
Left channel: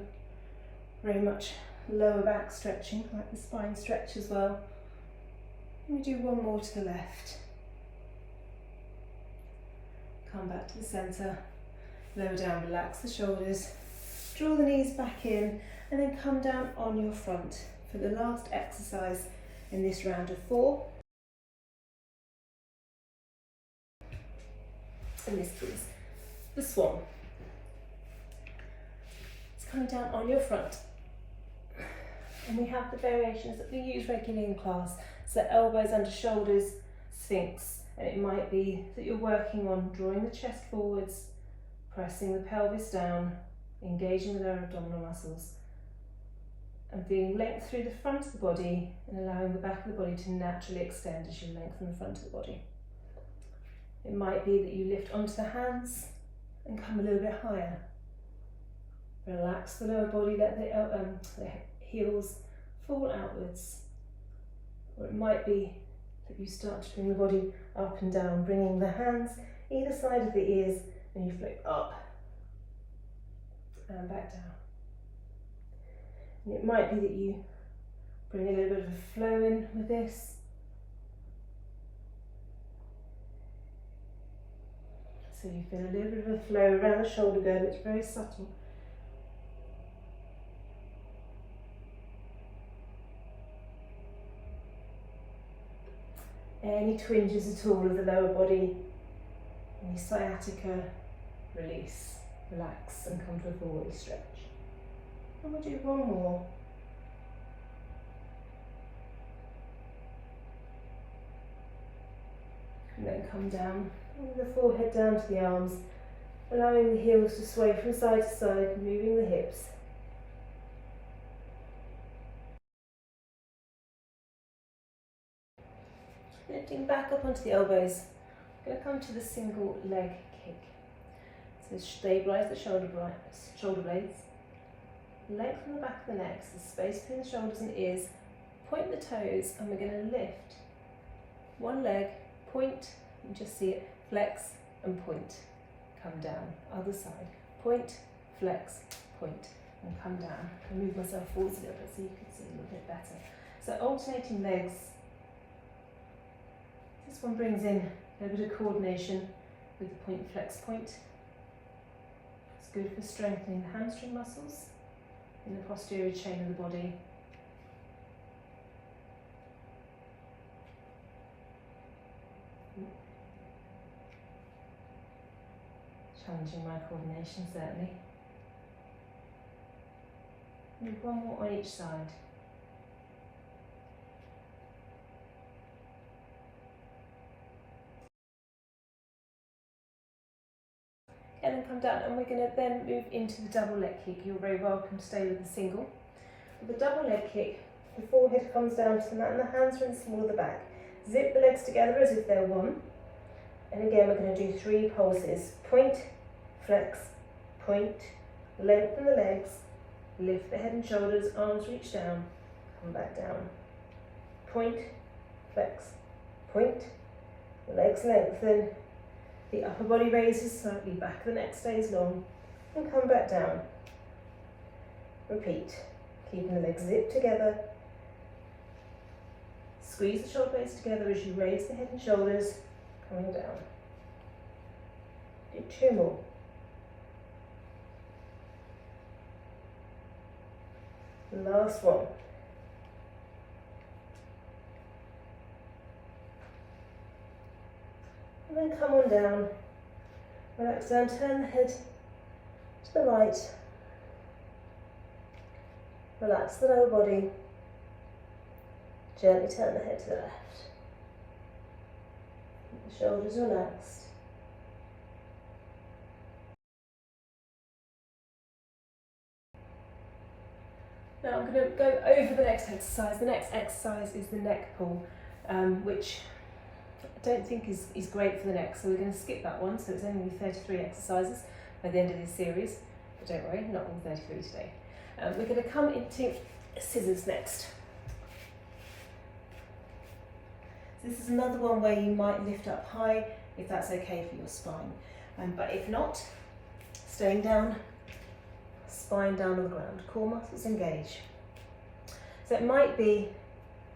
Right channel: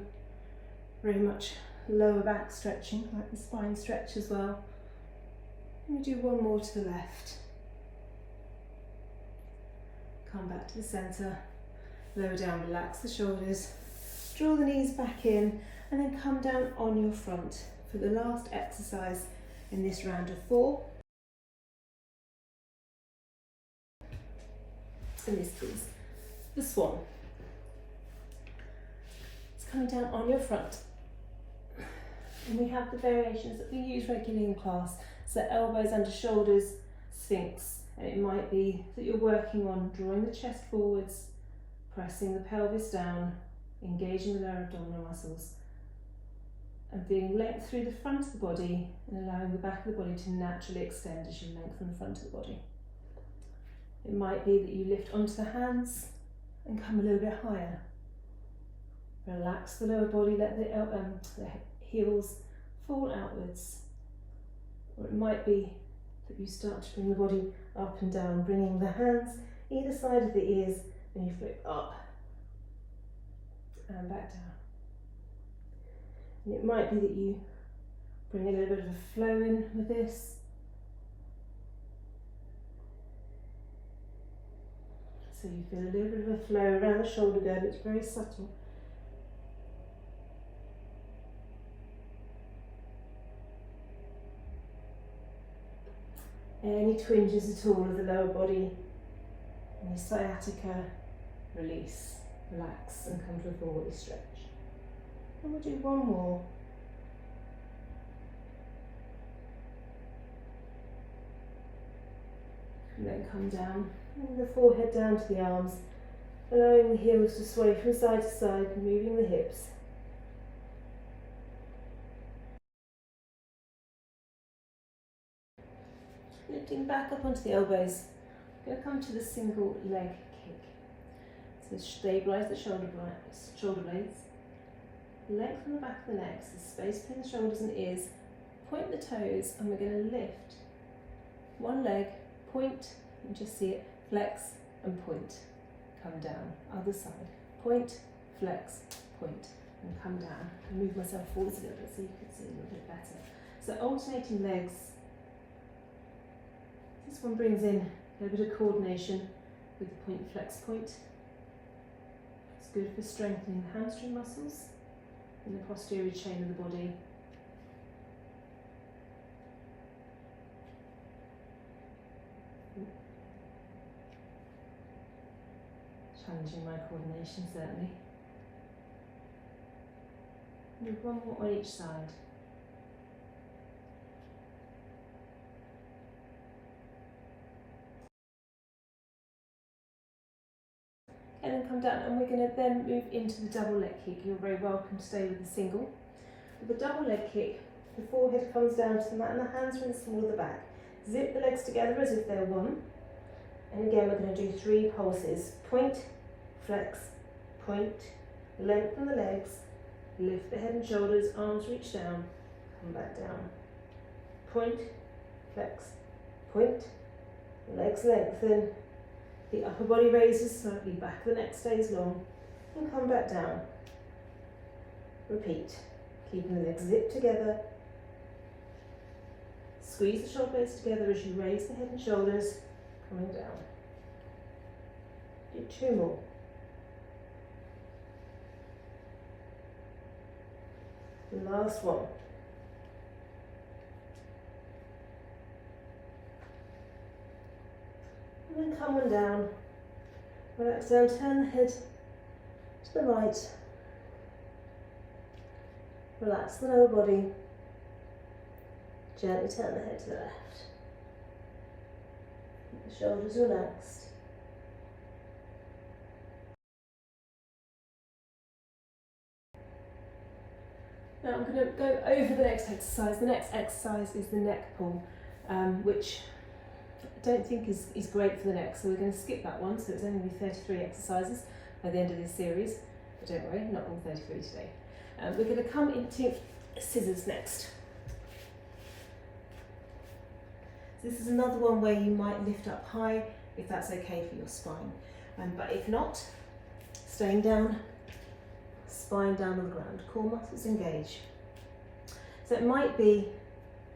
very much lower back stretching, like the spine stretch as well. And we do one more to the left. Come back to the centre, lower down, relax the shoulders, draw the knees back in, and then come down on your front for the last exercise in this round of 4. And this is the swan. It's coming down on your front. And we have the variations that we use regularly in class. So elbows under shoulders, sphinx. And it might be that you're working on drawing the chest forwards, pressing the pelvis down, engaging the lower abdominal muscles, and feeling length through the front of the body and allowing the back of the body to naturally extend as you lengthen the front of the body. It might be that you lift onto the hands and come a little bit higher. Relax the lower body, let the heels fall outwards. Or it might be that you start to bring the body up and down, bringing the hands either side of the ears, and you flip up and back down. And it might be that you bring a little bit of a flow in with this. So you feel a little bit of a flow around the shoulder girdle. It's very subtle. Any twinges at all of the lower body, any sciatica, release, relax and come to a full body stretch. And we'll do one more. And then come down, with the forehead down to the arms, allowing the heels to sway from side to side, moving the hips. Lifting back up onto the elbows. I'm going to come to the single leg kick. So stabilise the shoulder blades. Lengthen the back of the neck, so space between the shoulders and ears. Point the toes, and we're going to lift. One leg, point, you just see it, flex and point. Come down. Other side. Point, flex, point, and come down. I'll move myself forwards a little bit so you can see a little bit better. So alternating legs. This one brings in a bit of coordination with the point, flex, point. It's good for strengthening the hamstring muscles in the posterior chain of the body. Challenging my coordination, certainly. Do one more on each side. And then come down, and we're going to then move into the double leg kick. You're very welcome to stay with the single. With the double leg kick, the forehead comes down to the mat and the hands are in the small of the back. Zip the legs together as if they're one. And again, we're going to do 3 pulses. Point, flex, point, lengthen the legs, lift the head and shoulders, arms reach down, come back down. Point, flex, point, legs lengthen, the upper body raises slightly, back of the neck stays long, and come back down. Repeat, keeping the legs zipped together. Squeeze the shoulder blades together as you raise the head and shoulders, coming down. Do 2 more. Last one. And then come on down. Relax down, turn the head to the right. Relax the lower body. Gently turn the head to the left. Keep the shoulders relaxed. Now I'm going to go over the next exercise. The next exercise is the neck pull, which I don't think is great for the neck, so we're going to skip that one. So it's only 33 exercises by the end of this series, but don't worry, not all 33 today. We're going to come into scissors next. So this is another one where you might lift up high if that's okay for your spine, but if not, staying down. Spine down on the ground, core muscles engage. So it might be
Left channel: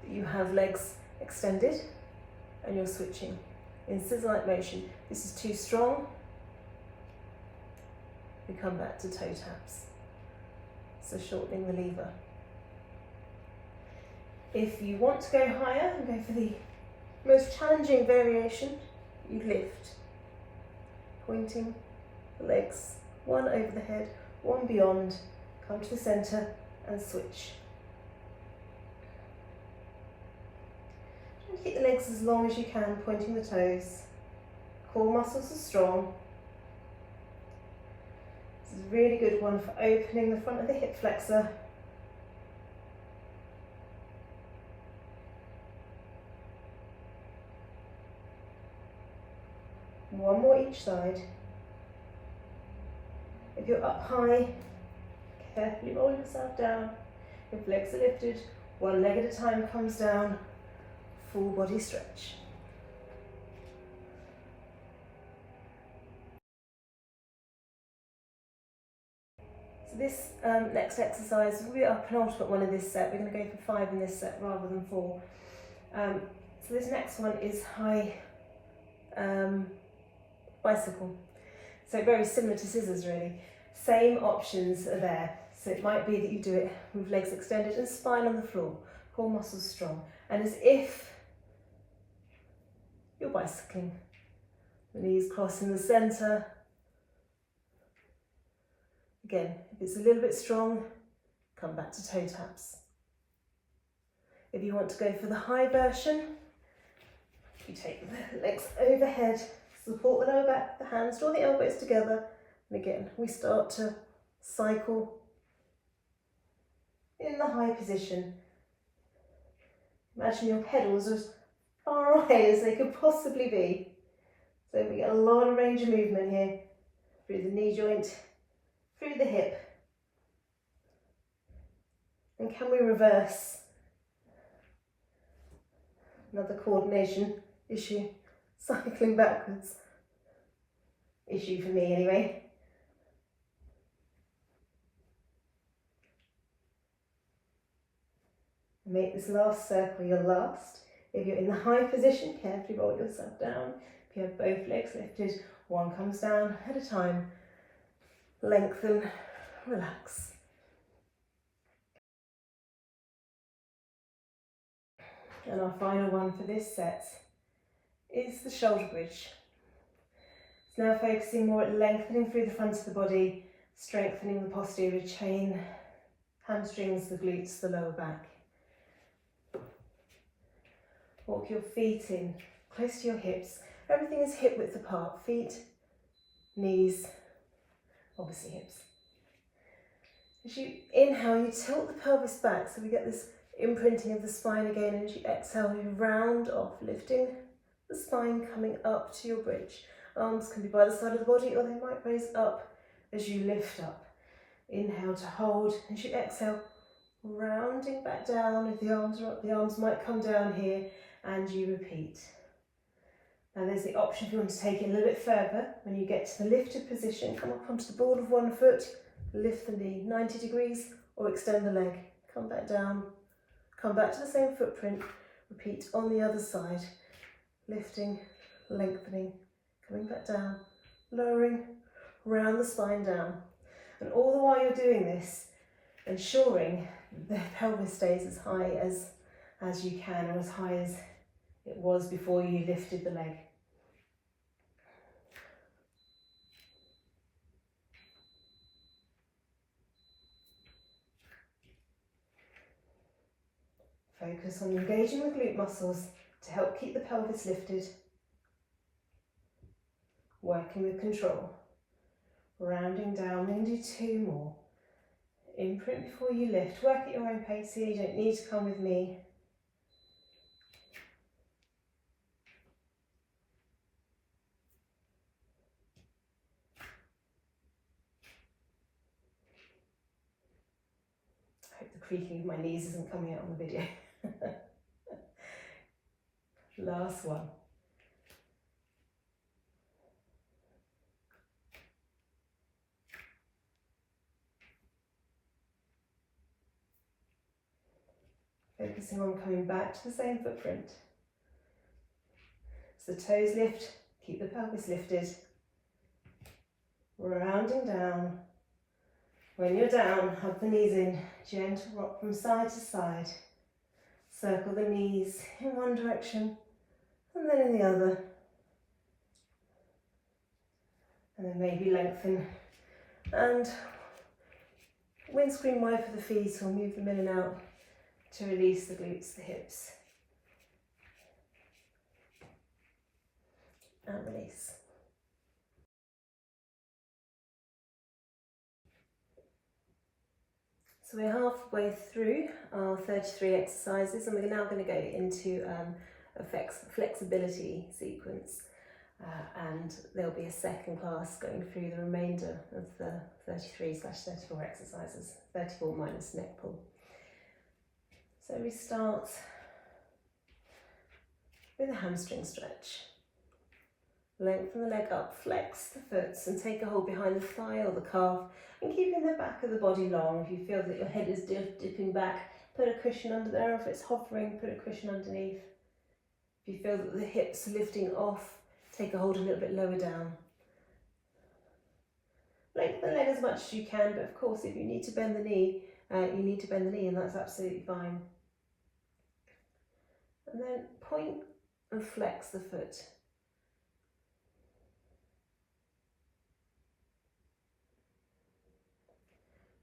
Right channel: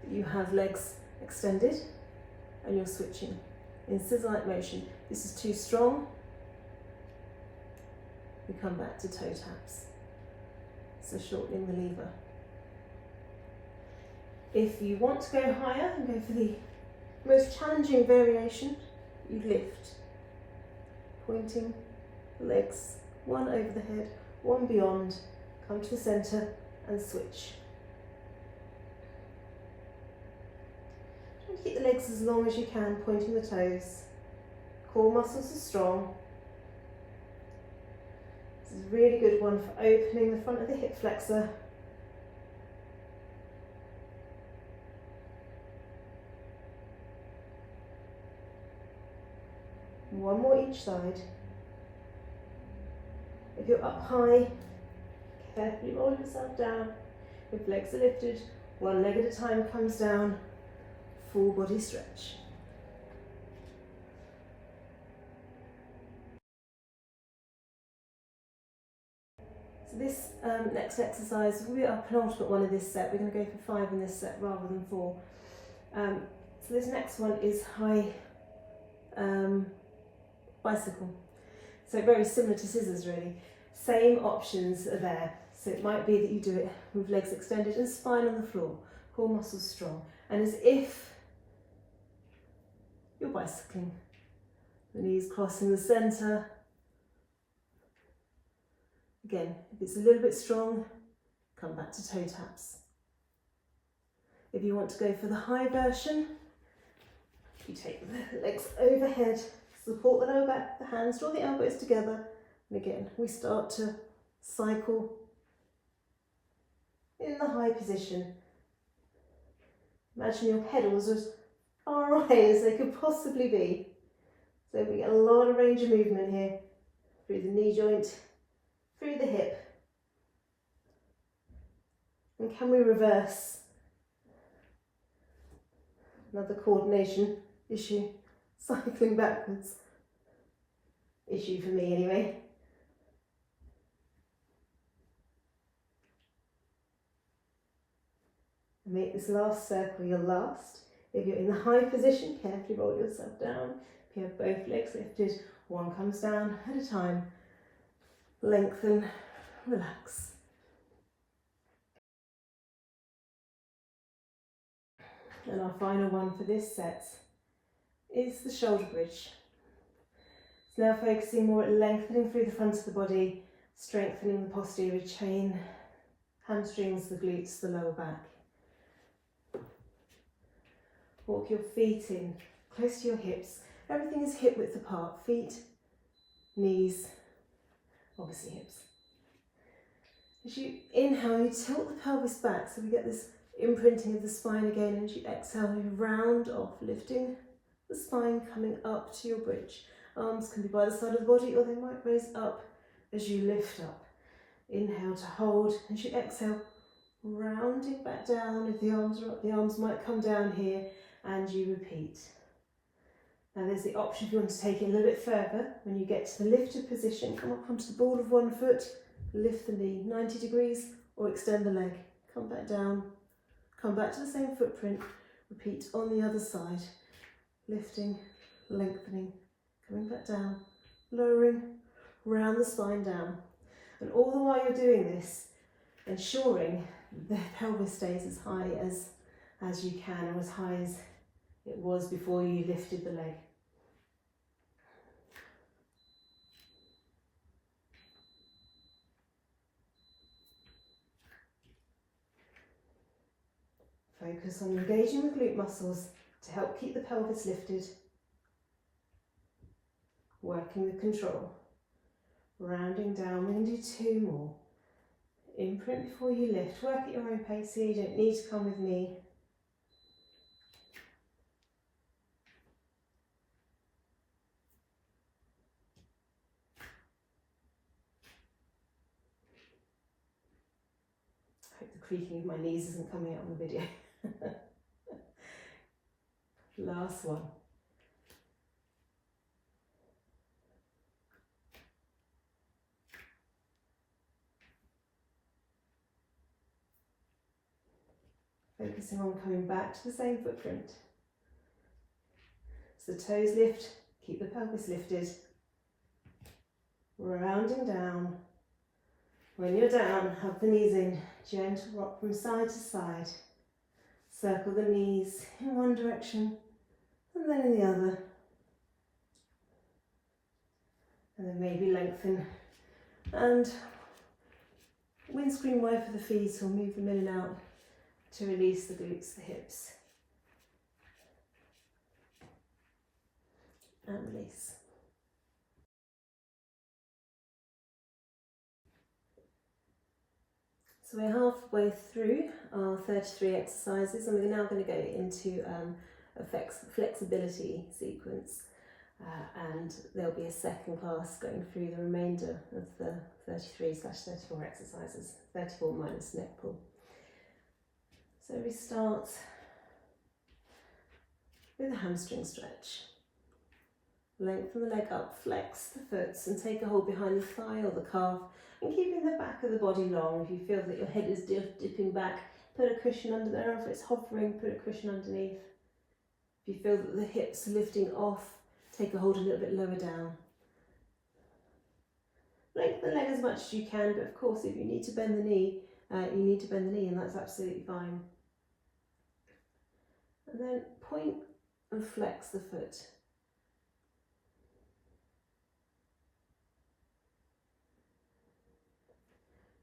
that you have legs extended and you're switching in scissor-like motion. This is too strong. We come back to toe taps. So shortening the lever. If you want to go higher and go for the most challenging variation, you lift, pointing the legs, one over the head, one beyond, come to the centre and switch. And keep the legs as long as you can, pointing the toes. Core muscles are strong. This is a really good one for opening the front of the hip flexor. One more each side. If you're up high, carefully roll yourself down. If legs are lifted, one leg at a time comes down, full body stretch. So this next exercise will be our penultimate one of this set. We're going to go for 5 in this set rather than 4. So this next one is high bicycle. So very similar to scissors really. Same options are there. So it might be that you do it with legs extended and spine on the floor, core muscles strong. And as if you're bicycling. The knees cross in the centre. Again, if it's a little bit strong, come back to toe taps. If you want to go for the high version, you take the legs overhead, support the lower back, the hands, draw the elbows together, and again, we start to cycle in the high position. Imagine your pedals as far away as they could possibly be. So we get a lot of range of movement here, through the knee joint, through the hip. And can we reverse? Another coordination issue, cycling backwards. Issue for me anyway. Make this last circle your last. If you're in the high position, carefully roll yourself down. If you have both legs lifted, one comes down at a time. Lengthen, relax. And our final one for this set is the shoulder bridge. It's now focusing more at lengthening through the front of the body, strengthening the posterior chain, hamstrings, the glutes, the lower back. Walk your feet in, close to your hips. Everything is hip width apart. Feet, knees, obviously hips. As you inhale, you tilt the pelvis back so we get this imprinting of the spine again. And as you exhale, you round off, lifting the spine, coming up to your bridge. Arms can be by the side of the body or they might raise up as you lift up. Inhale to hold. As you exhale, rounding back down. If the arms are up, the arms might come down here. And you repeat. Now there's the option if you want to take it a little bit further. When you get to the lifted position, come up onto the ball of one foot, lift the knee 90 degrees or extend the leg. Come back down, come back to the same footprint, repeat on the other side. Lifting, lengthening, coming back down, lowering, round the spine down. And all the while you're doing this, ensuring the pelvis stays as high as you can, or as high as it was before you lifted the leg. Focus on engaging the glute muscles to help keep the pelvis lifted. Working with control. Rounding down, then do two more. Imprint before you lift. Work at your own pace here, you don't need to come with me. I hope the creaking of my knees isn't coming out on the video. Last one. Focusing on coming back to the same footprint. So toes lift, keep the pelvis lifted. Rounding down. When you're down, hug the knees in. Gentle rock from side to side. Circle the knees in one direction and then in the other. And then maybe lengthen. And windscreen wide for the feet, or move them in and out to release the glutes, the hips. And release. So we're halfway through our 33 exercises, and we're now going to go into a flexibility sequence, and there'll be a second class going through the remainder of the 33/34 exercises, 34 minus neck pull. So we start with a hamstring stretch. Lengthen the leg up, flex the foot and take a hold behind the thigh or the calf, and keeping the back of the body long. If you feel that your head is dipping back, put a cushion under there. If it's hovering, put a cushion underneath. If you feel that the hips are lifting off, take a hold a little bit lower down. Lengthen the leg as much as you can, but of course if you need to bend the knee, you need to bend the knee, and that's absolutely fine. And then point and flex the foot.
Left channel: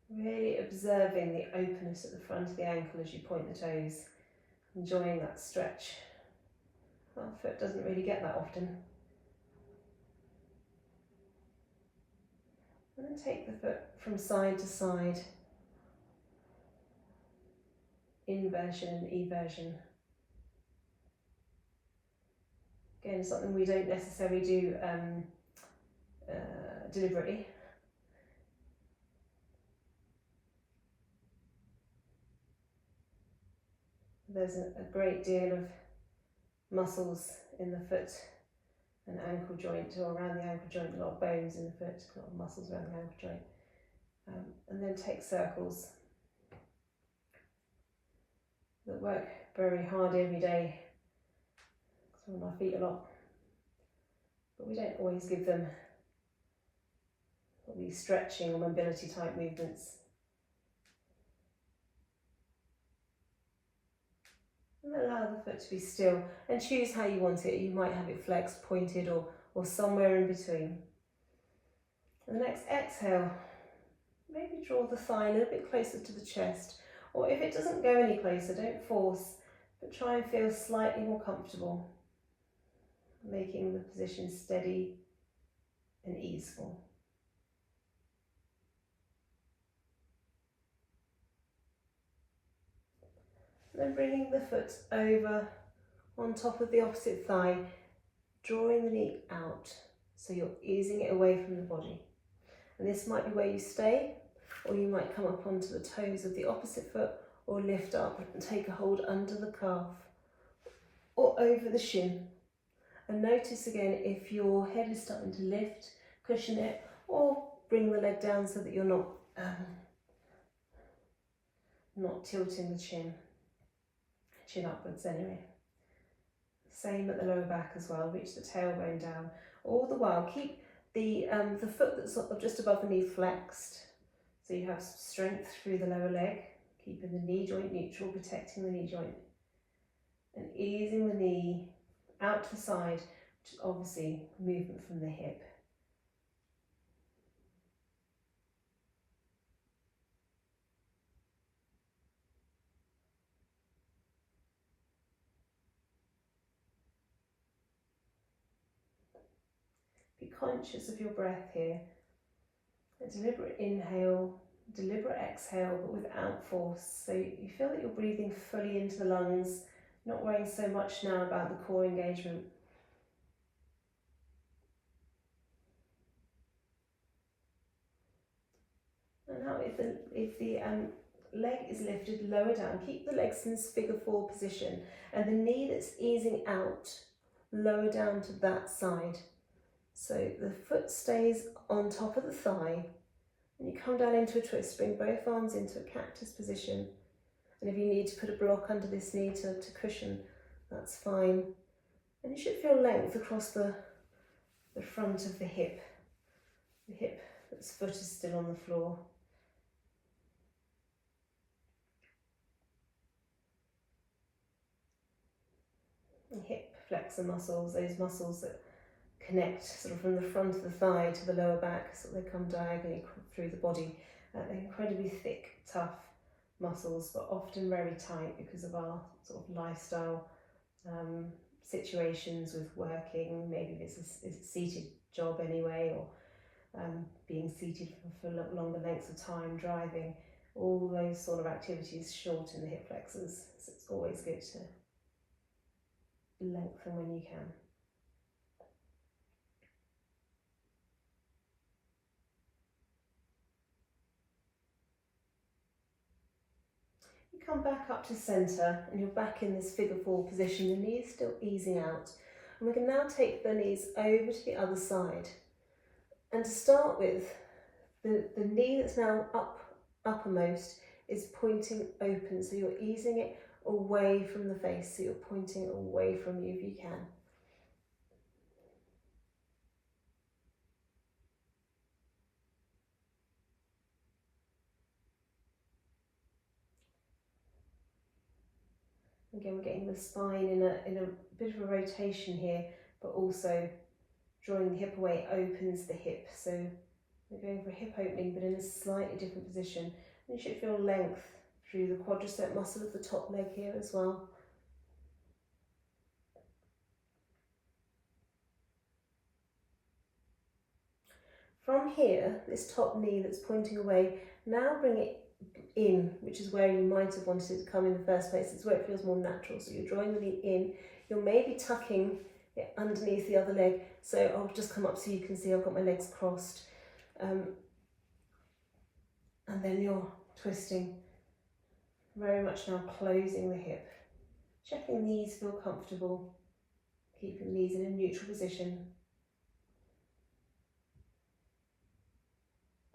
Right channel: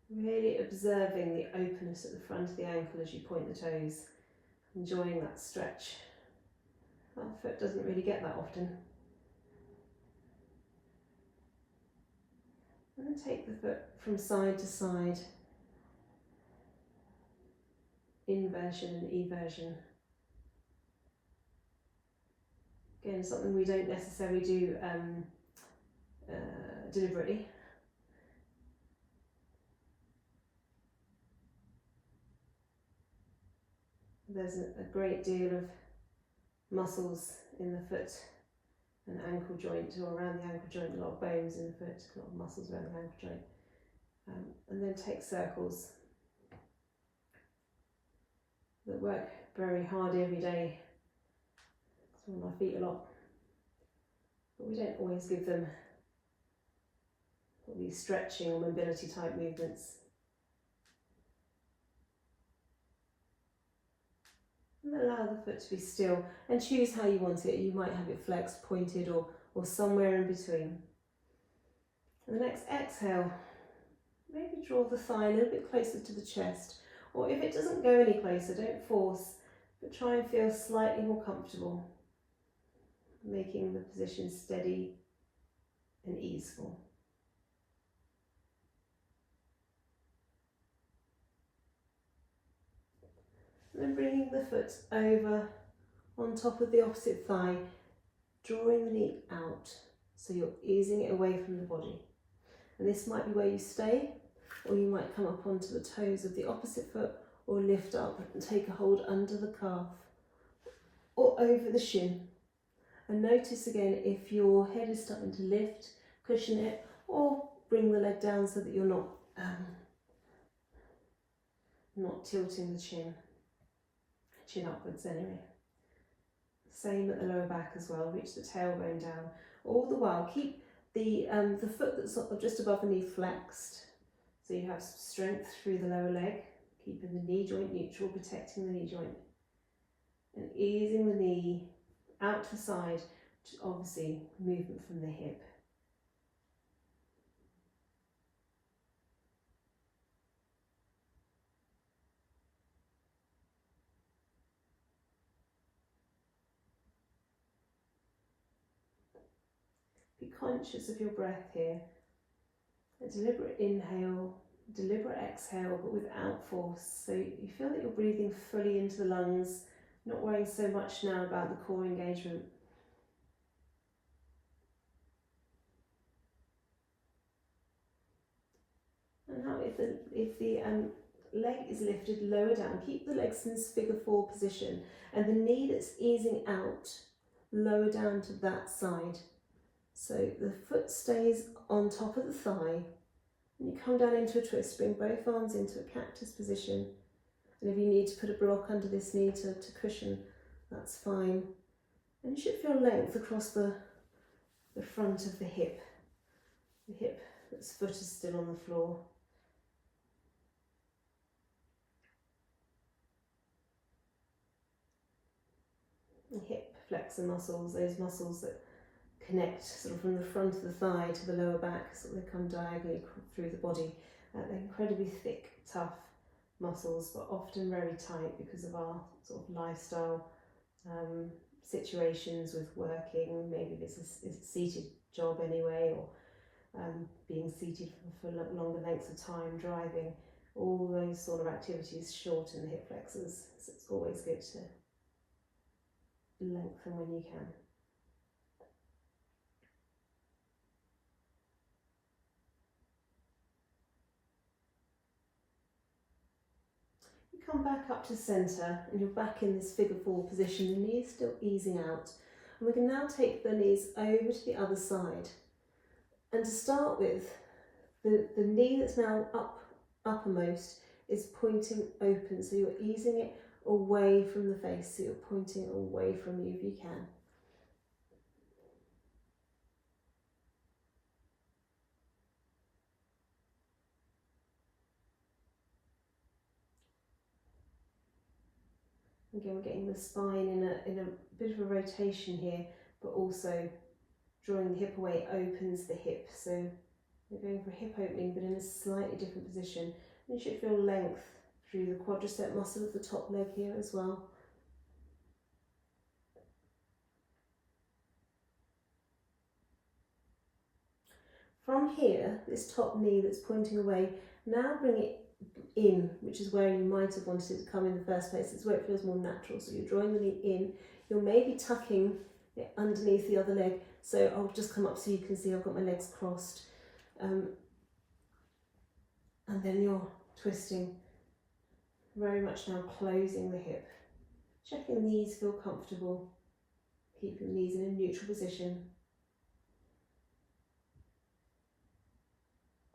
Really observing the openness at the front of the ankle as you point the toes, enjoying that stretch. Our foot doesn't really get that often. And then take the foot from side to side, inversion and eversion. Again, something we don't necessarily do deliberately. There's a great deal of muscles in the foot and ankle joint, or around the ankle joint, a lot of bones in the foot, a lot of muscles around the ankle joint. And then take circles that work very hard every day. So on our feet a lot, but we don't always give them these stretching or mobility type movements. And allow the foot to be still and choose how you want it. You might have it flexed, pointed, or somewhere in between. And the next exhale, maybe draw the thigh a little bit closer to the chest, or if it doesn't go any closer, don't force, but try and feel slightly more comfortable, making the position steady and easeful. Then bringing the foot over on top of the opposite thigh, drawing the knee out, so you're easing it away from the body. And this might be where you stay, or you might come up onto the toes of the opposite foot, or lift up and take a hold under the calf, or over the shin. And notice again if your head is starting to lift, cushion it, or bring the leg down so that you're not tilting the chin upwards anyway. Same at the lower back as well, reach the tailbone down. All the while keep the foot that's just above the knee flexed, so you have strength through the lower leg, keeping the knee joint neutral, protecting the knee joint, and easing the knee out to the side, to obviously movement from the hip. Be conscious of your breath here. A deliberate inhale, deliberate exhale, but without force. So you feel that you're breathing fully into the lungs, not worrying so much now about the core engagement. And now if the leg is lifted lower down, keep the legs in this figure four position, and the knee that's easing out, lower down to that side. So the foot stays on top of the thigh, and you come down into a twist, bring both arms into a cactus position, and if you need to put a block under this knee to cushion, that's fine. And you should feel length across the front of the hip that's foot is still on the floor. And hip flexor muscles, those muscles that connect sort of from the front of the thigh to the lower back, so they come diagonally through the body. They're incredibly thick, tough muscles, but often very tight because of our sort of lifestyle situations with working. Maybe this is a seated job anyway, or being seated for longer lengths of time, driving. All those sort of activities shorten the hip flexors, so it's always good to lengthen when you can. Come back up to centre, and you're back in this figure four position. The knee is still easing out, and we can now take the knees over to the other side. And to start with, the knee that's now uppermost is pointing open, so you're easing it away from the face, so you're pointing away from you if you can. Again, we're getting the spine in a bit of a rotation here, but also drawing the hip away opens the hip. So we're going for a hip opening, but in a slightly different position. And you should feel length through the quadricep muscle of the top leg here as well. From here, this top knee that's pointing away, now bring it in, which is where you might have wanted it to come in the first place. It's where it feels more natural. So you're drawing the knee in, you're maybe tucking it underneath the other leg. So I'll just come up so you can see I've got my legs crossed. And then you're twisting, very much now closing the hip. Checking the knees feel comfortable, keeping the knees in a neutral position.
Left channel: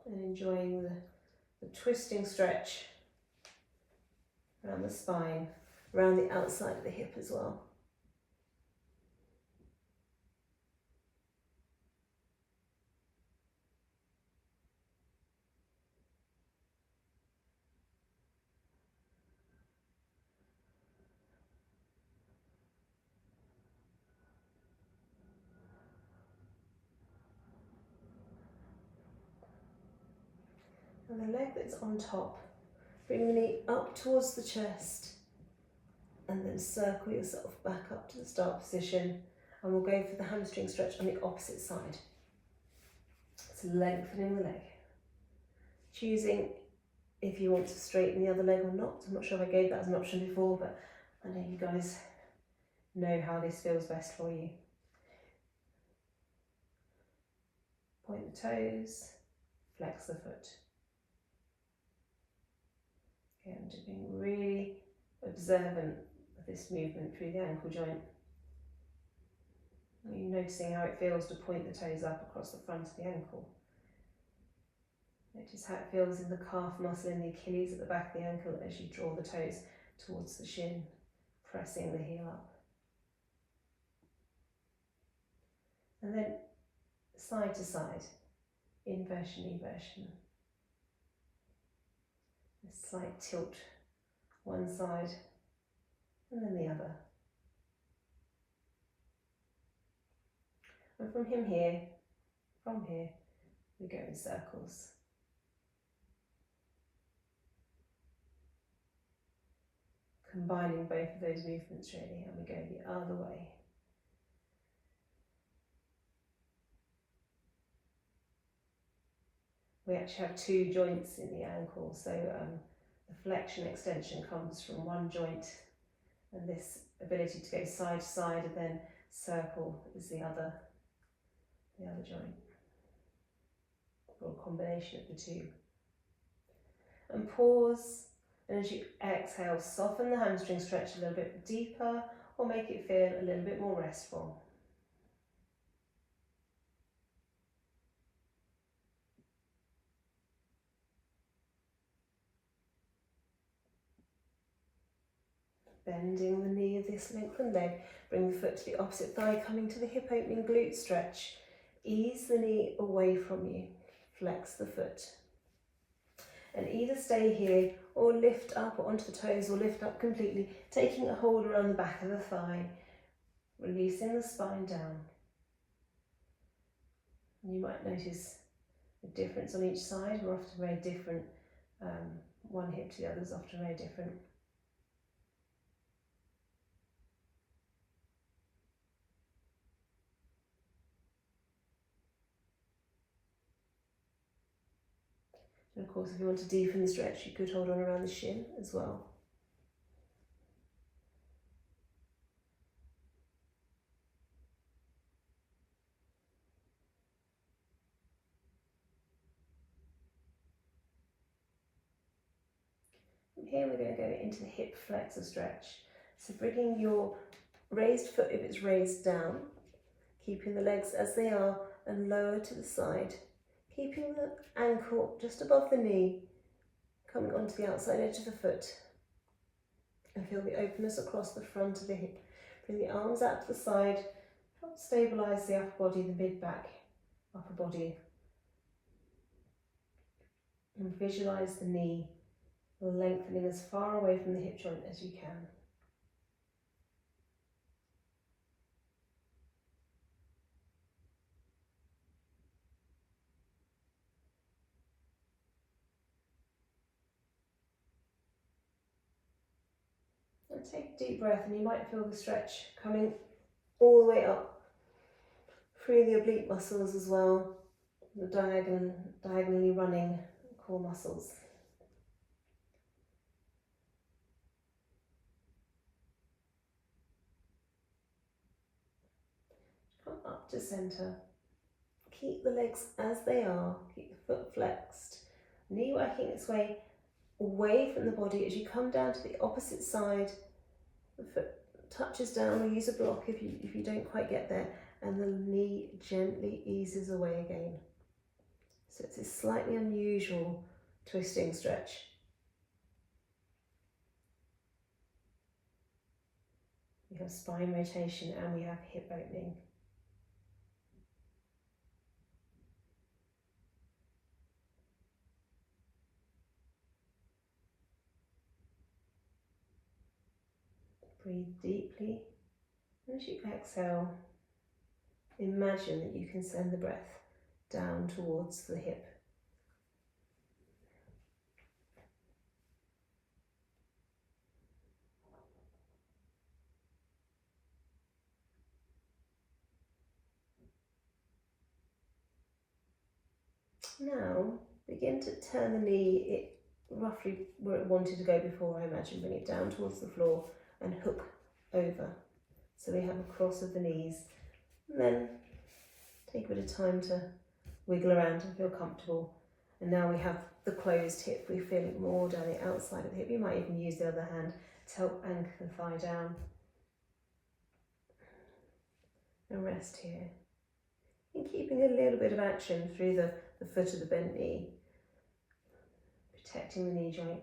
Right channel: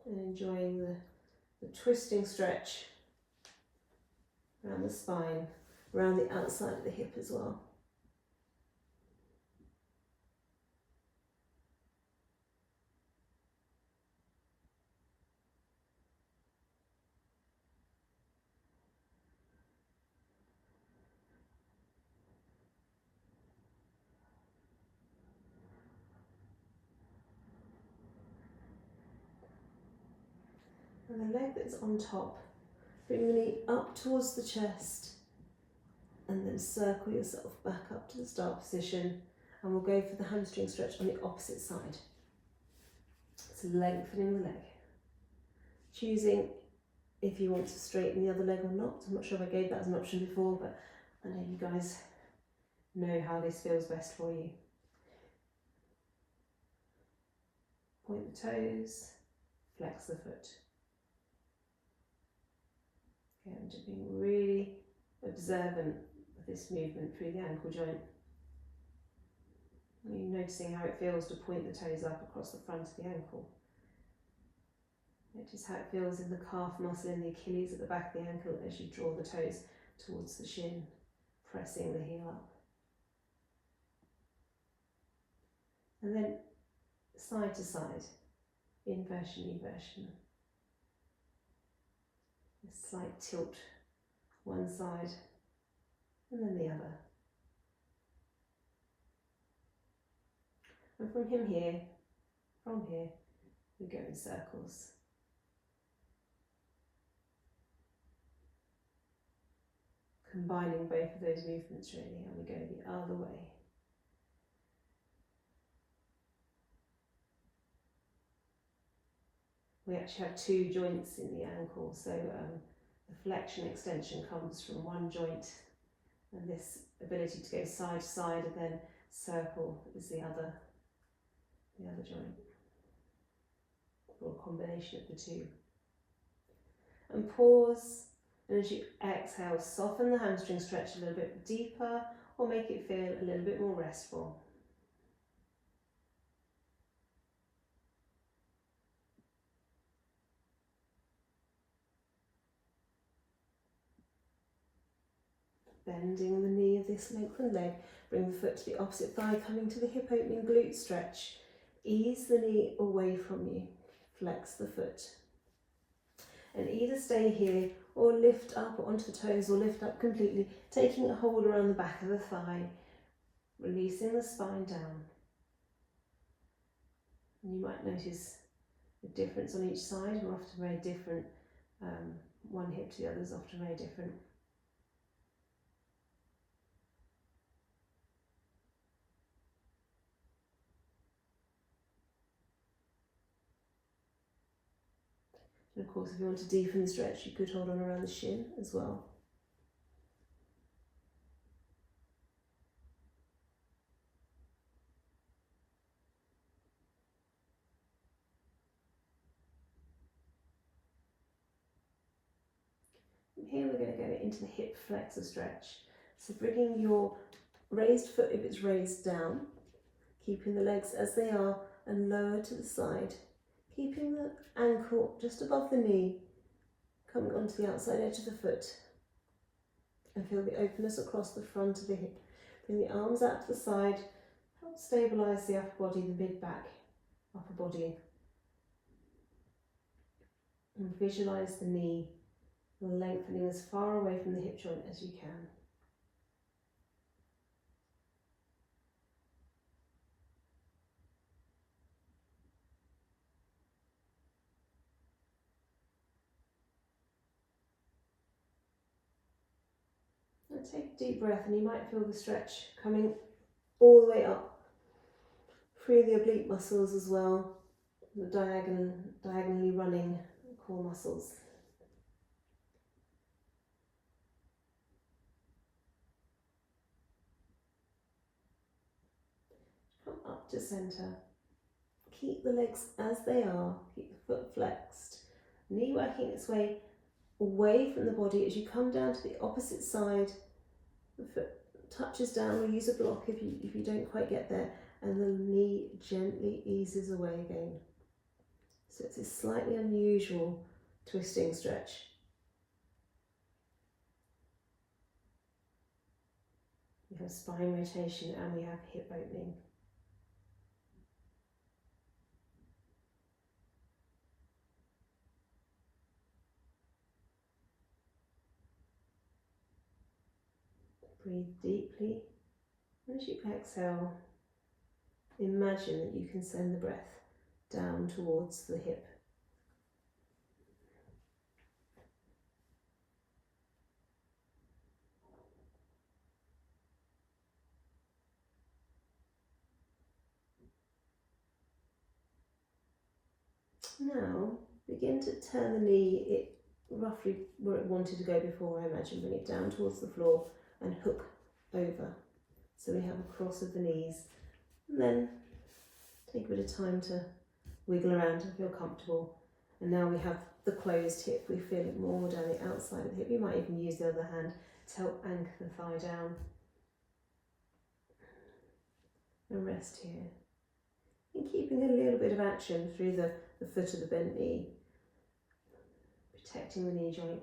And enjoying the twisting stretch around the spine, around the outside of the hip as well. And the leg that's on top, bring the knee up towards the chest and then circle yourself back up to the start position, and we'll go for the hamstring stretch on the opposite side. So lengthening the leg. Choosing if you want to straighten the other leg or not. I'm not sure if I gave that as an option before, but I know you guys know how this feels best for you. Point the toes, flex the foot. Okay, I'm just being really observant of this movement through the ankle joint. Are you noticing how it feels to point the toes up across the front of the ankle? Notice how it feels in the calf muscle and the Achilles at the back of the ankle as you draw the toes towards the shin, pressing the heel up. And then side to side, inversion, eversion. A slight tilt one side and then the other. And from here, we go in circles. Combining both of those movements really, and we go the other way. We actually have two joints in the ankle, so the flexion extension comes from one joint, and this ability to go side to side and then circle is the other joint, or a combination of the two. And pause, and as you exhale, soften the hamstring stretch a little bit deeper, or make it feel a little bit more restful. Bending the knee of this lengthened leg, bring the foot to the opposite thigh, coming to the hip opening glute stretch. Ease the knee away from you, flex the foot. And either stay here or lift up onto the toes or lift up completely, taking a hold around the back of the thigh, releasing the spine down. And you might notice a difference on each side. We're often very different. One hip to the other is often very different. And of course, if you want to deepen the stretch, you could hold on around the shin as well. And here we're going to go into the hip flexor stretch. So bringing your raised foot, if it's raised, down, keeping the legs as they are and lower to the side. Keeping the ankle just above the knee, coming onto the outside edge of the foot. And feel the openness across the front of the hip. Bring the arms out to the side, help stabilise the upper body, the mid-back, upper body. And visualise the knee lengthening as far away from the hip joint as you can. And take a deep breath, and you might feel the stretch coming all the way up through the oblique muscles as well, the diagonally running core muscles. Come up to centre. Keep the legs as they are, keep the foot flexed, knee working its way away from the body as you come down to the opposite side. The foot touches down, we'll use a block if you don't quite get there, and the knee gently eases away again. So it's a slightly unusual twisting stretch. We have spine rotation and we have hip opening. Breathe deeply, and as you exhale, imagine that you can send the breath down towards the hip. Now, begin to turn the knee roughly where it wanted to go before, I imagine. Bring it down towards the floor and hook over. So we have a cross of the knees. And then take a bit of time to wiggle around and feel comfortable. And now we have the closed hip. We feel it more down the outside of the hip. You might even use the other hand to help anchor the thigh down. And rest here. And keeping a little bit of action through the foot of the bent knee, protecting the knee joint.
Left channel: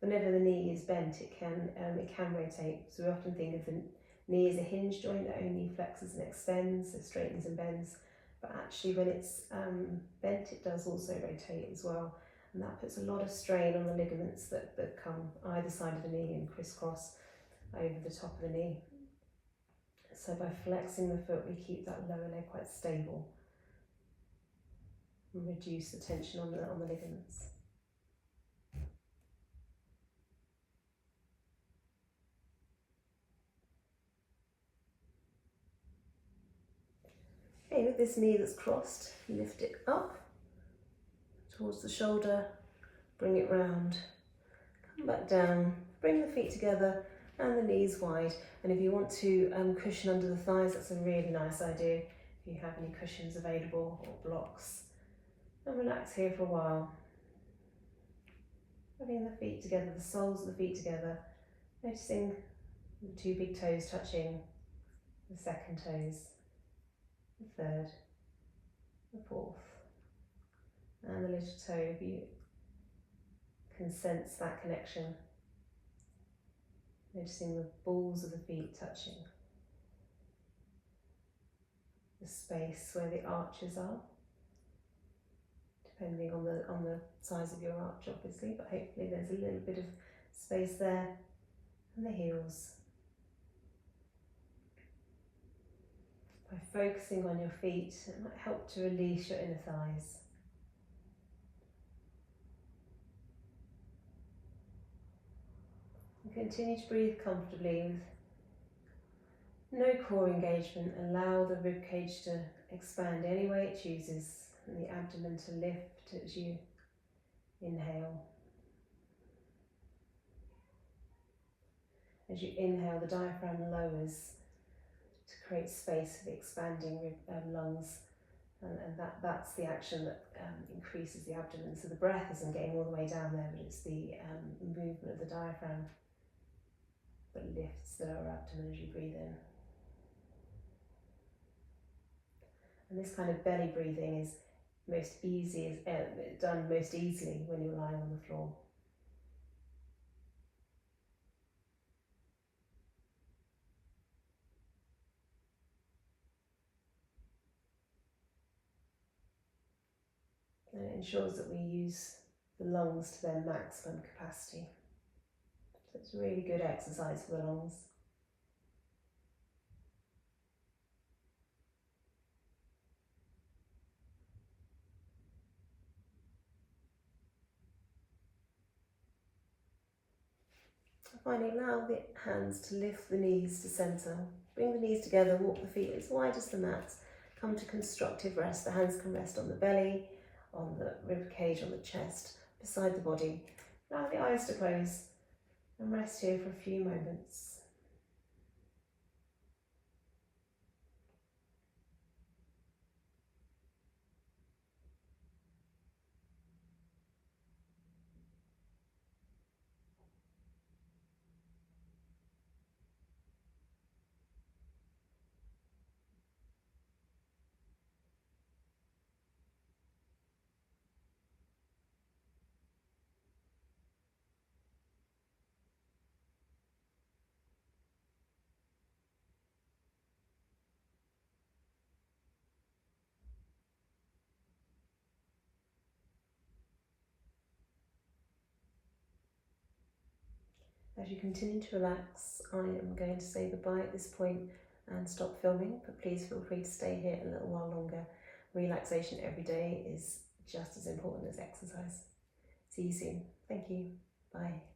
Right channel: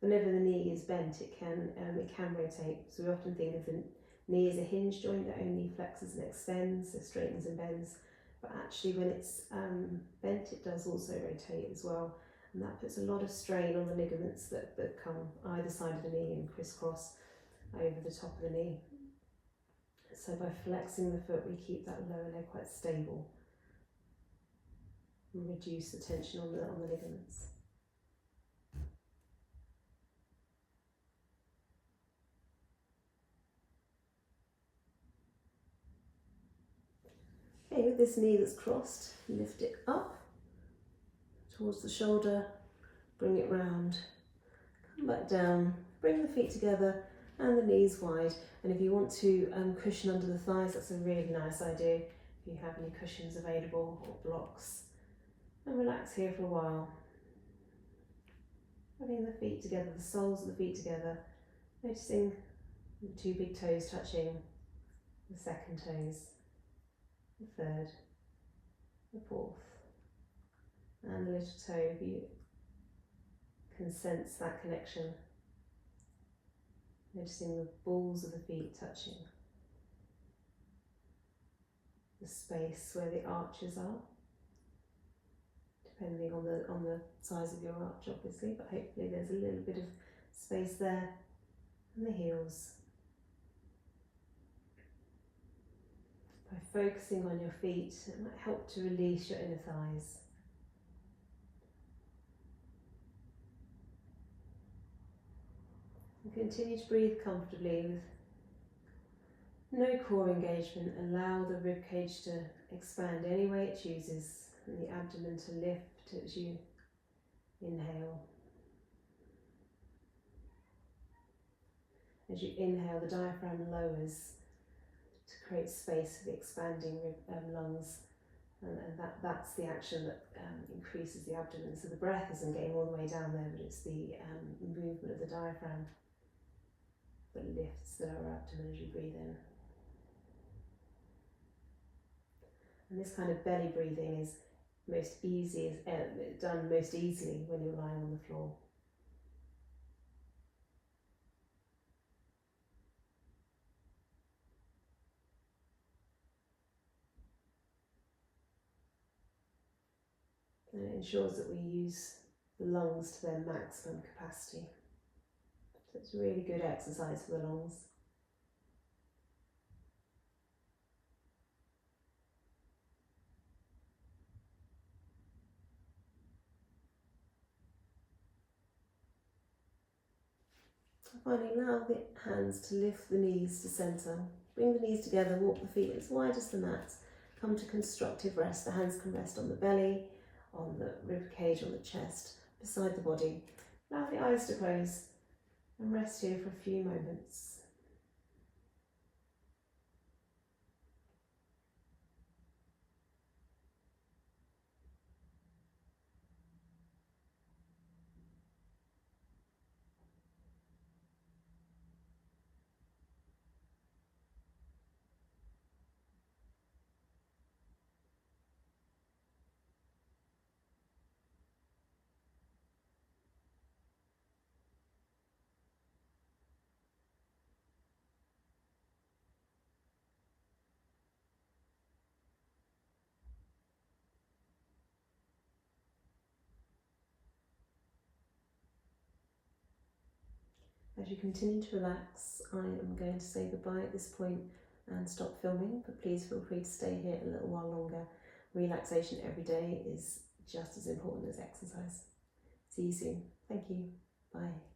Whenever the knee is bent, it can rotate. So we often think of the knee as a hinge joint that only flexes and extends, so straightens and bends. But actually, when it's bent, it does also rotate as well, and that puts a lot of strain on the ligaments that come either side of the knee and crisscross over the top of the knee. So by flexing the foot, we keep that lower leg quite stable and reduce the tension on the ligaments. Okay, with this knee that's crossed, lift it up towards the shoulder, bring it round, come back down, bring the feet together and the knees wide. And if you want to cushion under the thighs, that's a really nice idea. If you have any cushions available or blocks. And relax here for a while. Having the feet together, the soles of the feet together, noticing the two big toes touching, the second toes, the third, the fourth, and the little toe. If you can sense that connection, noticing the balls of the feet touching, the space where the arches are, depending on the size of your arch obviously, but hopefully there's a little bit of space there, and the heels. By focusing on your feet, it might help to release your inner thighs. And continue to breathe comfortably with no core engagement. Allow the rib cage to expand any way it chooses, and the abdomen to lift as you inhale. As you inhale, the diaphragm lowers to create space for the expanding lungs, and that's the action that increases the abdomen. So the breath isn't getting all the way down there, but it's the movement of the diaphragm that lifts the lower abdomen as you breathe in. And this kind of belly breathing is done most easily when you're lying on the floor. And it ensures that we use the lungs to their maximum capacity. So it's a really good exercise for the lungs. finally allow the hands to lift the knees to centre. Bring the knees together, walk the feet as wide as the mat. Come to constructive rest. The hands can rest on the belly, on the rib cage, on the chest, beside the body. Allow the eyes to close and rest here for a few moments. As you continue to relax, I am going to say goodbye at this point and stop filming, but please feel free to stay here a little while longer. Relaxation every day is just as important as exercise. See you soon. Thank you. Bye.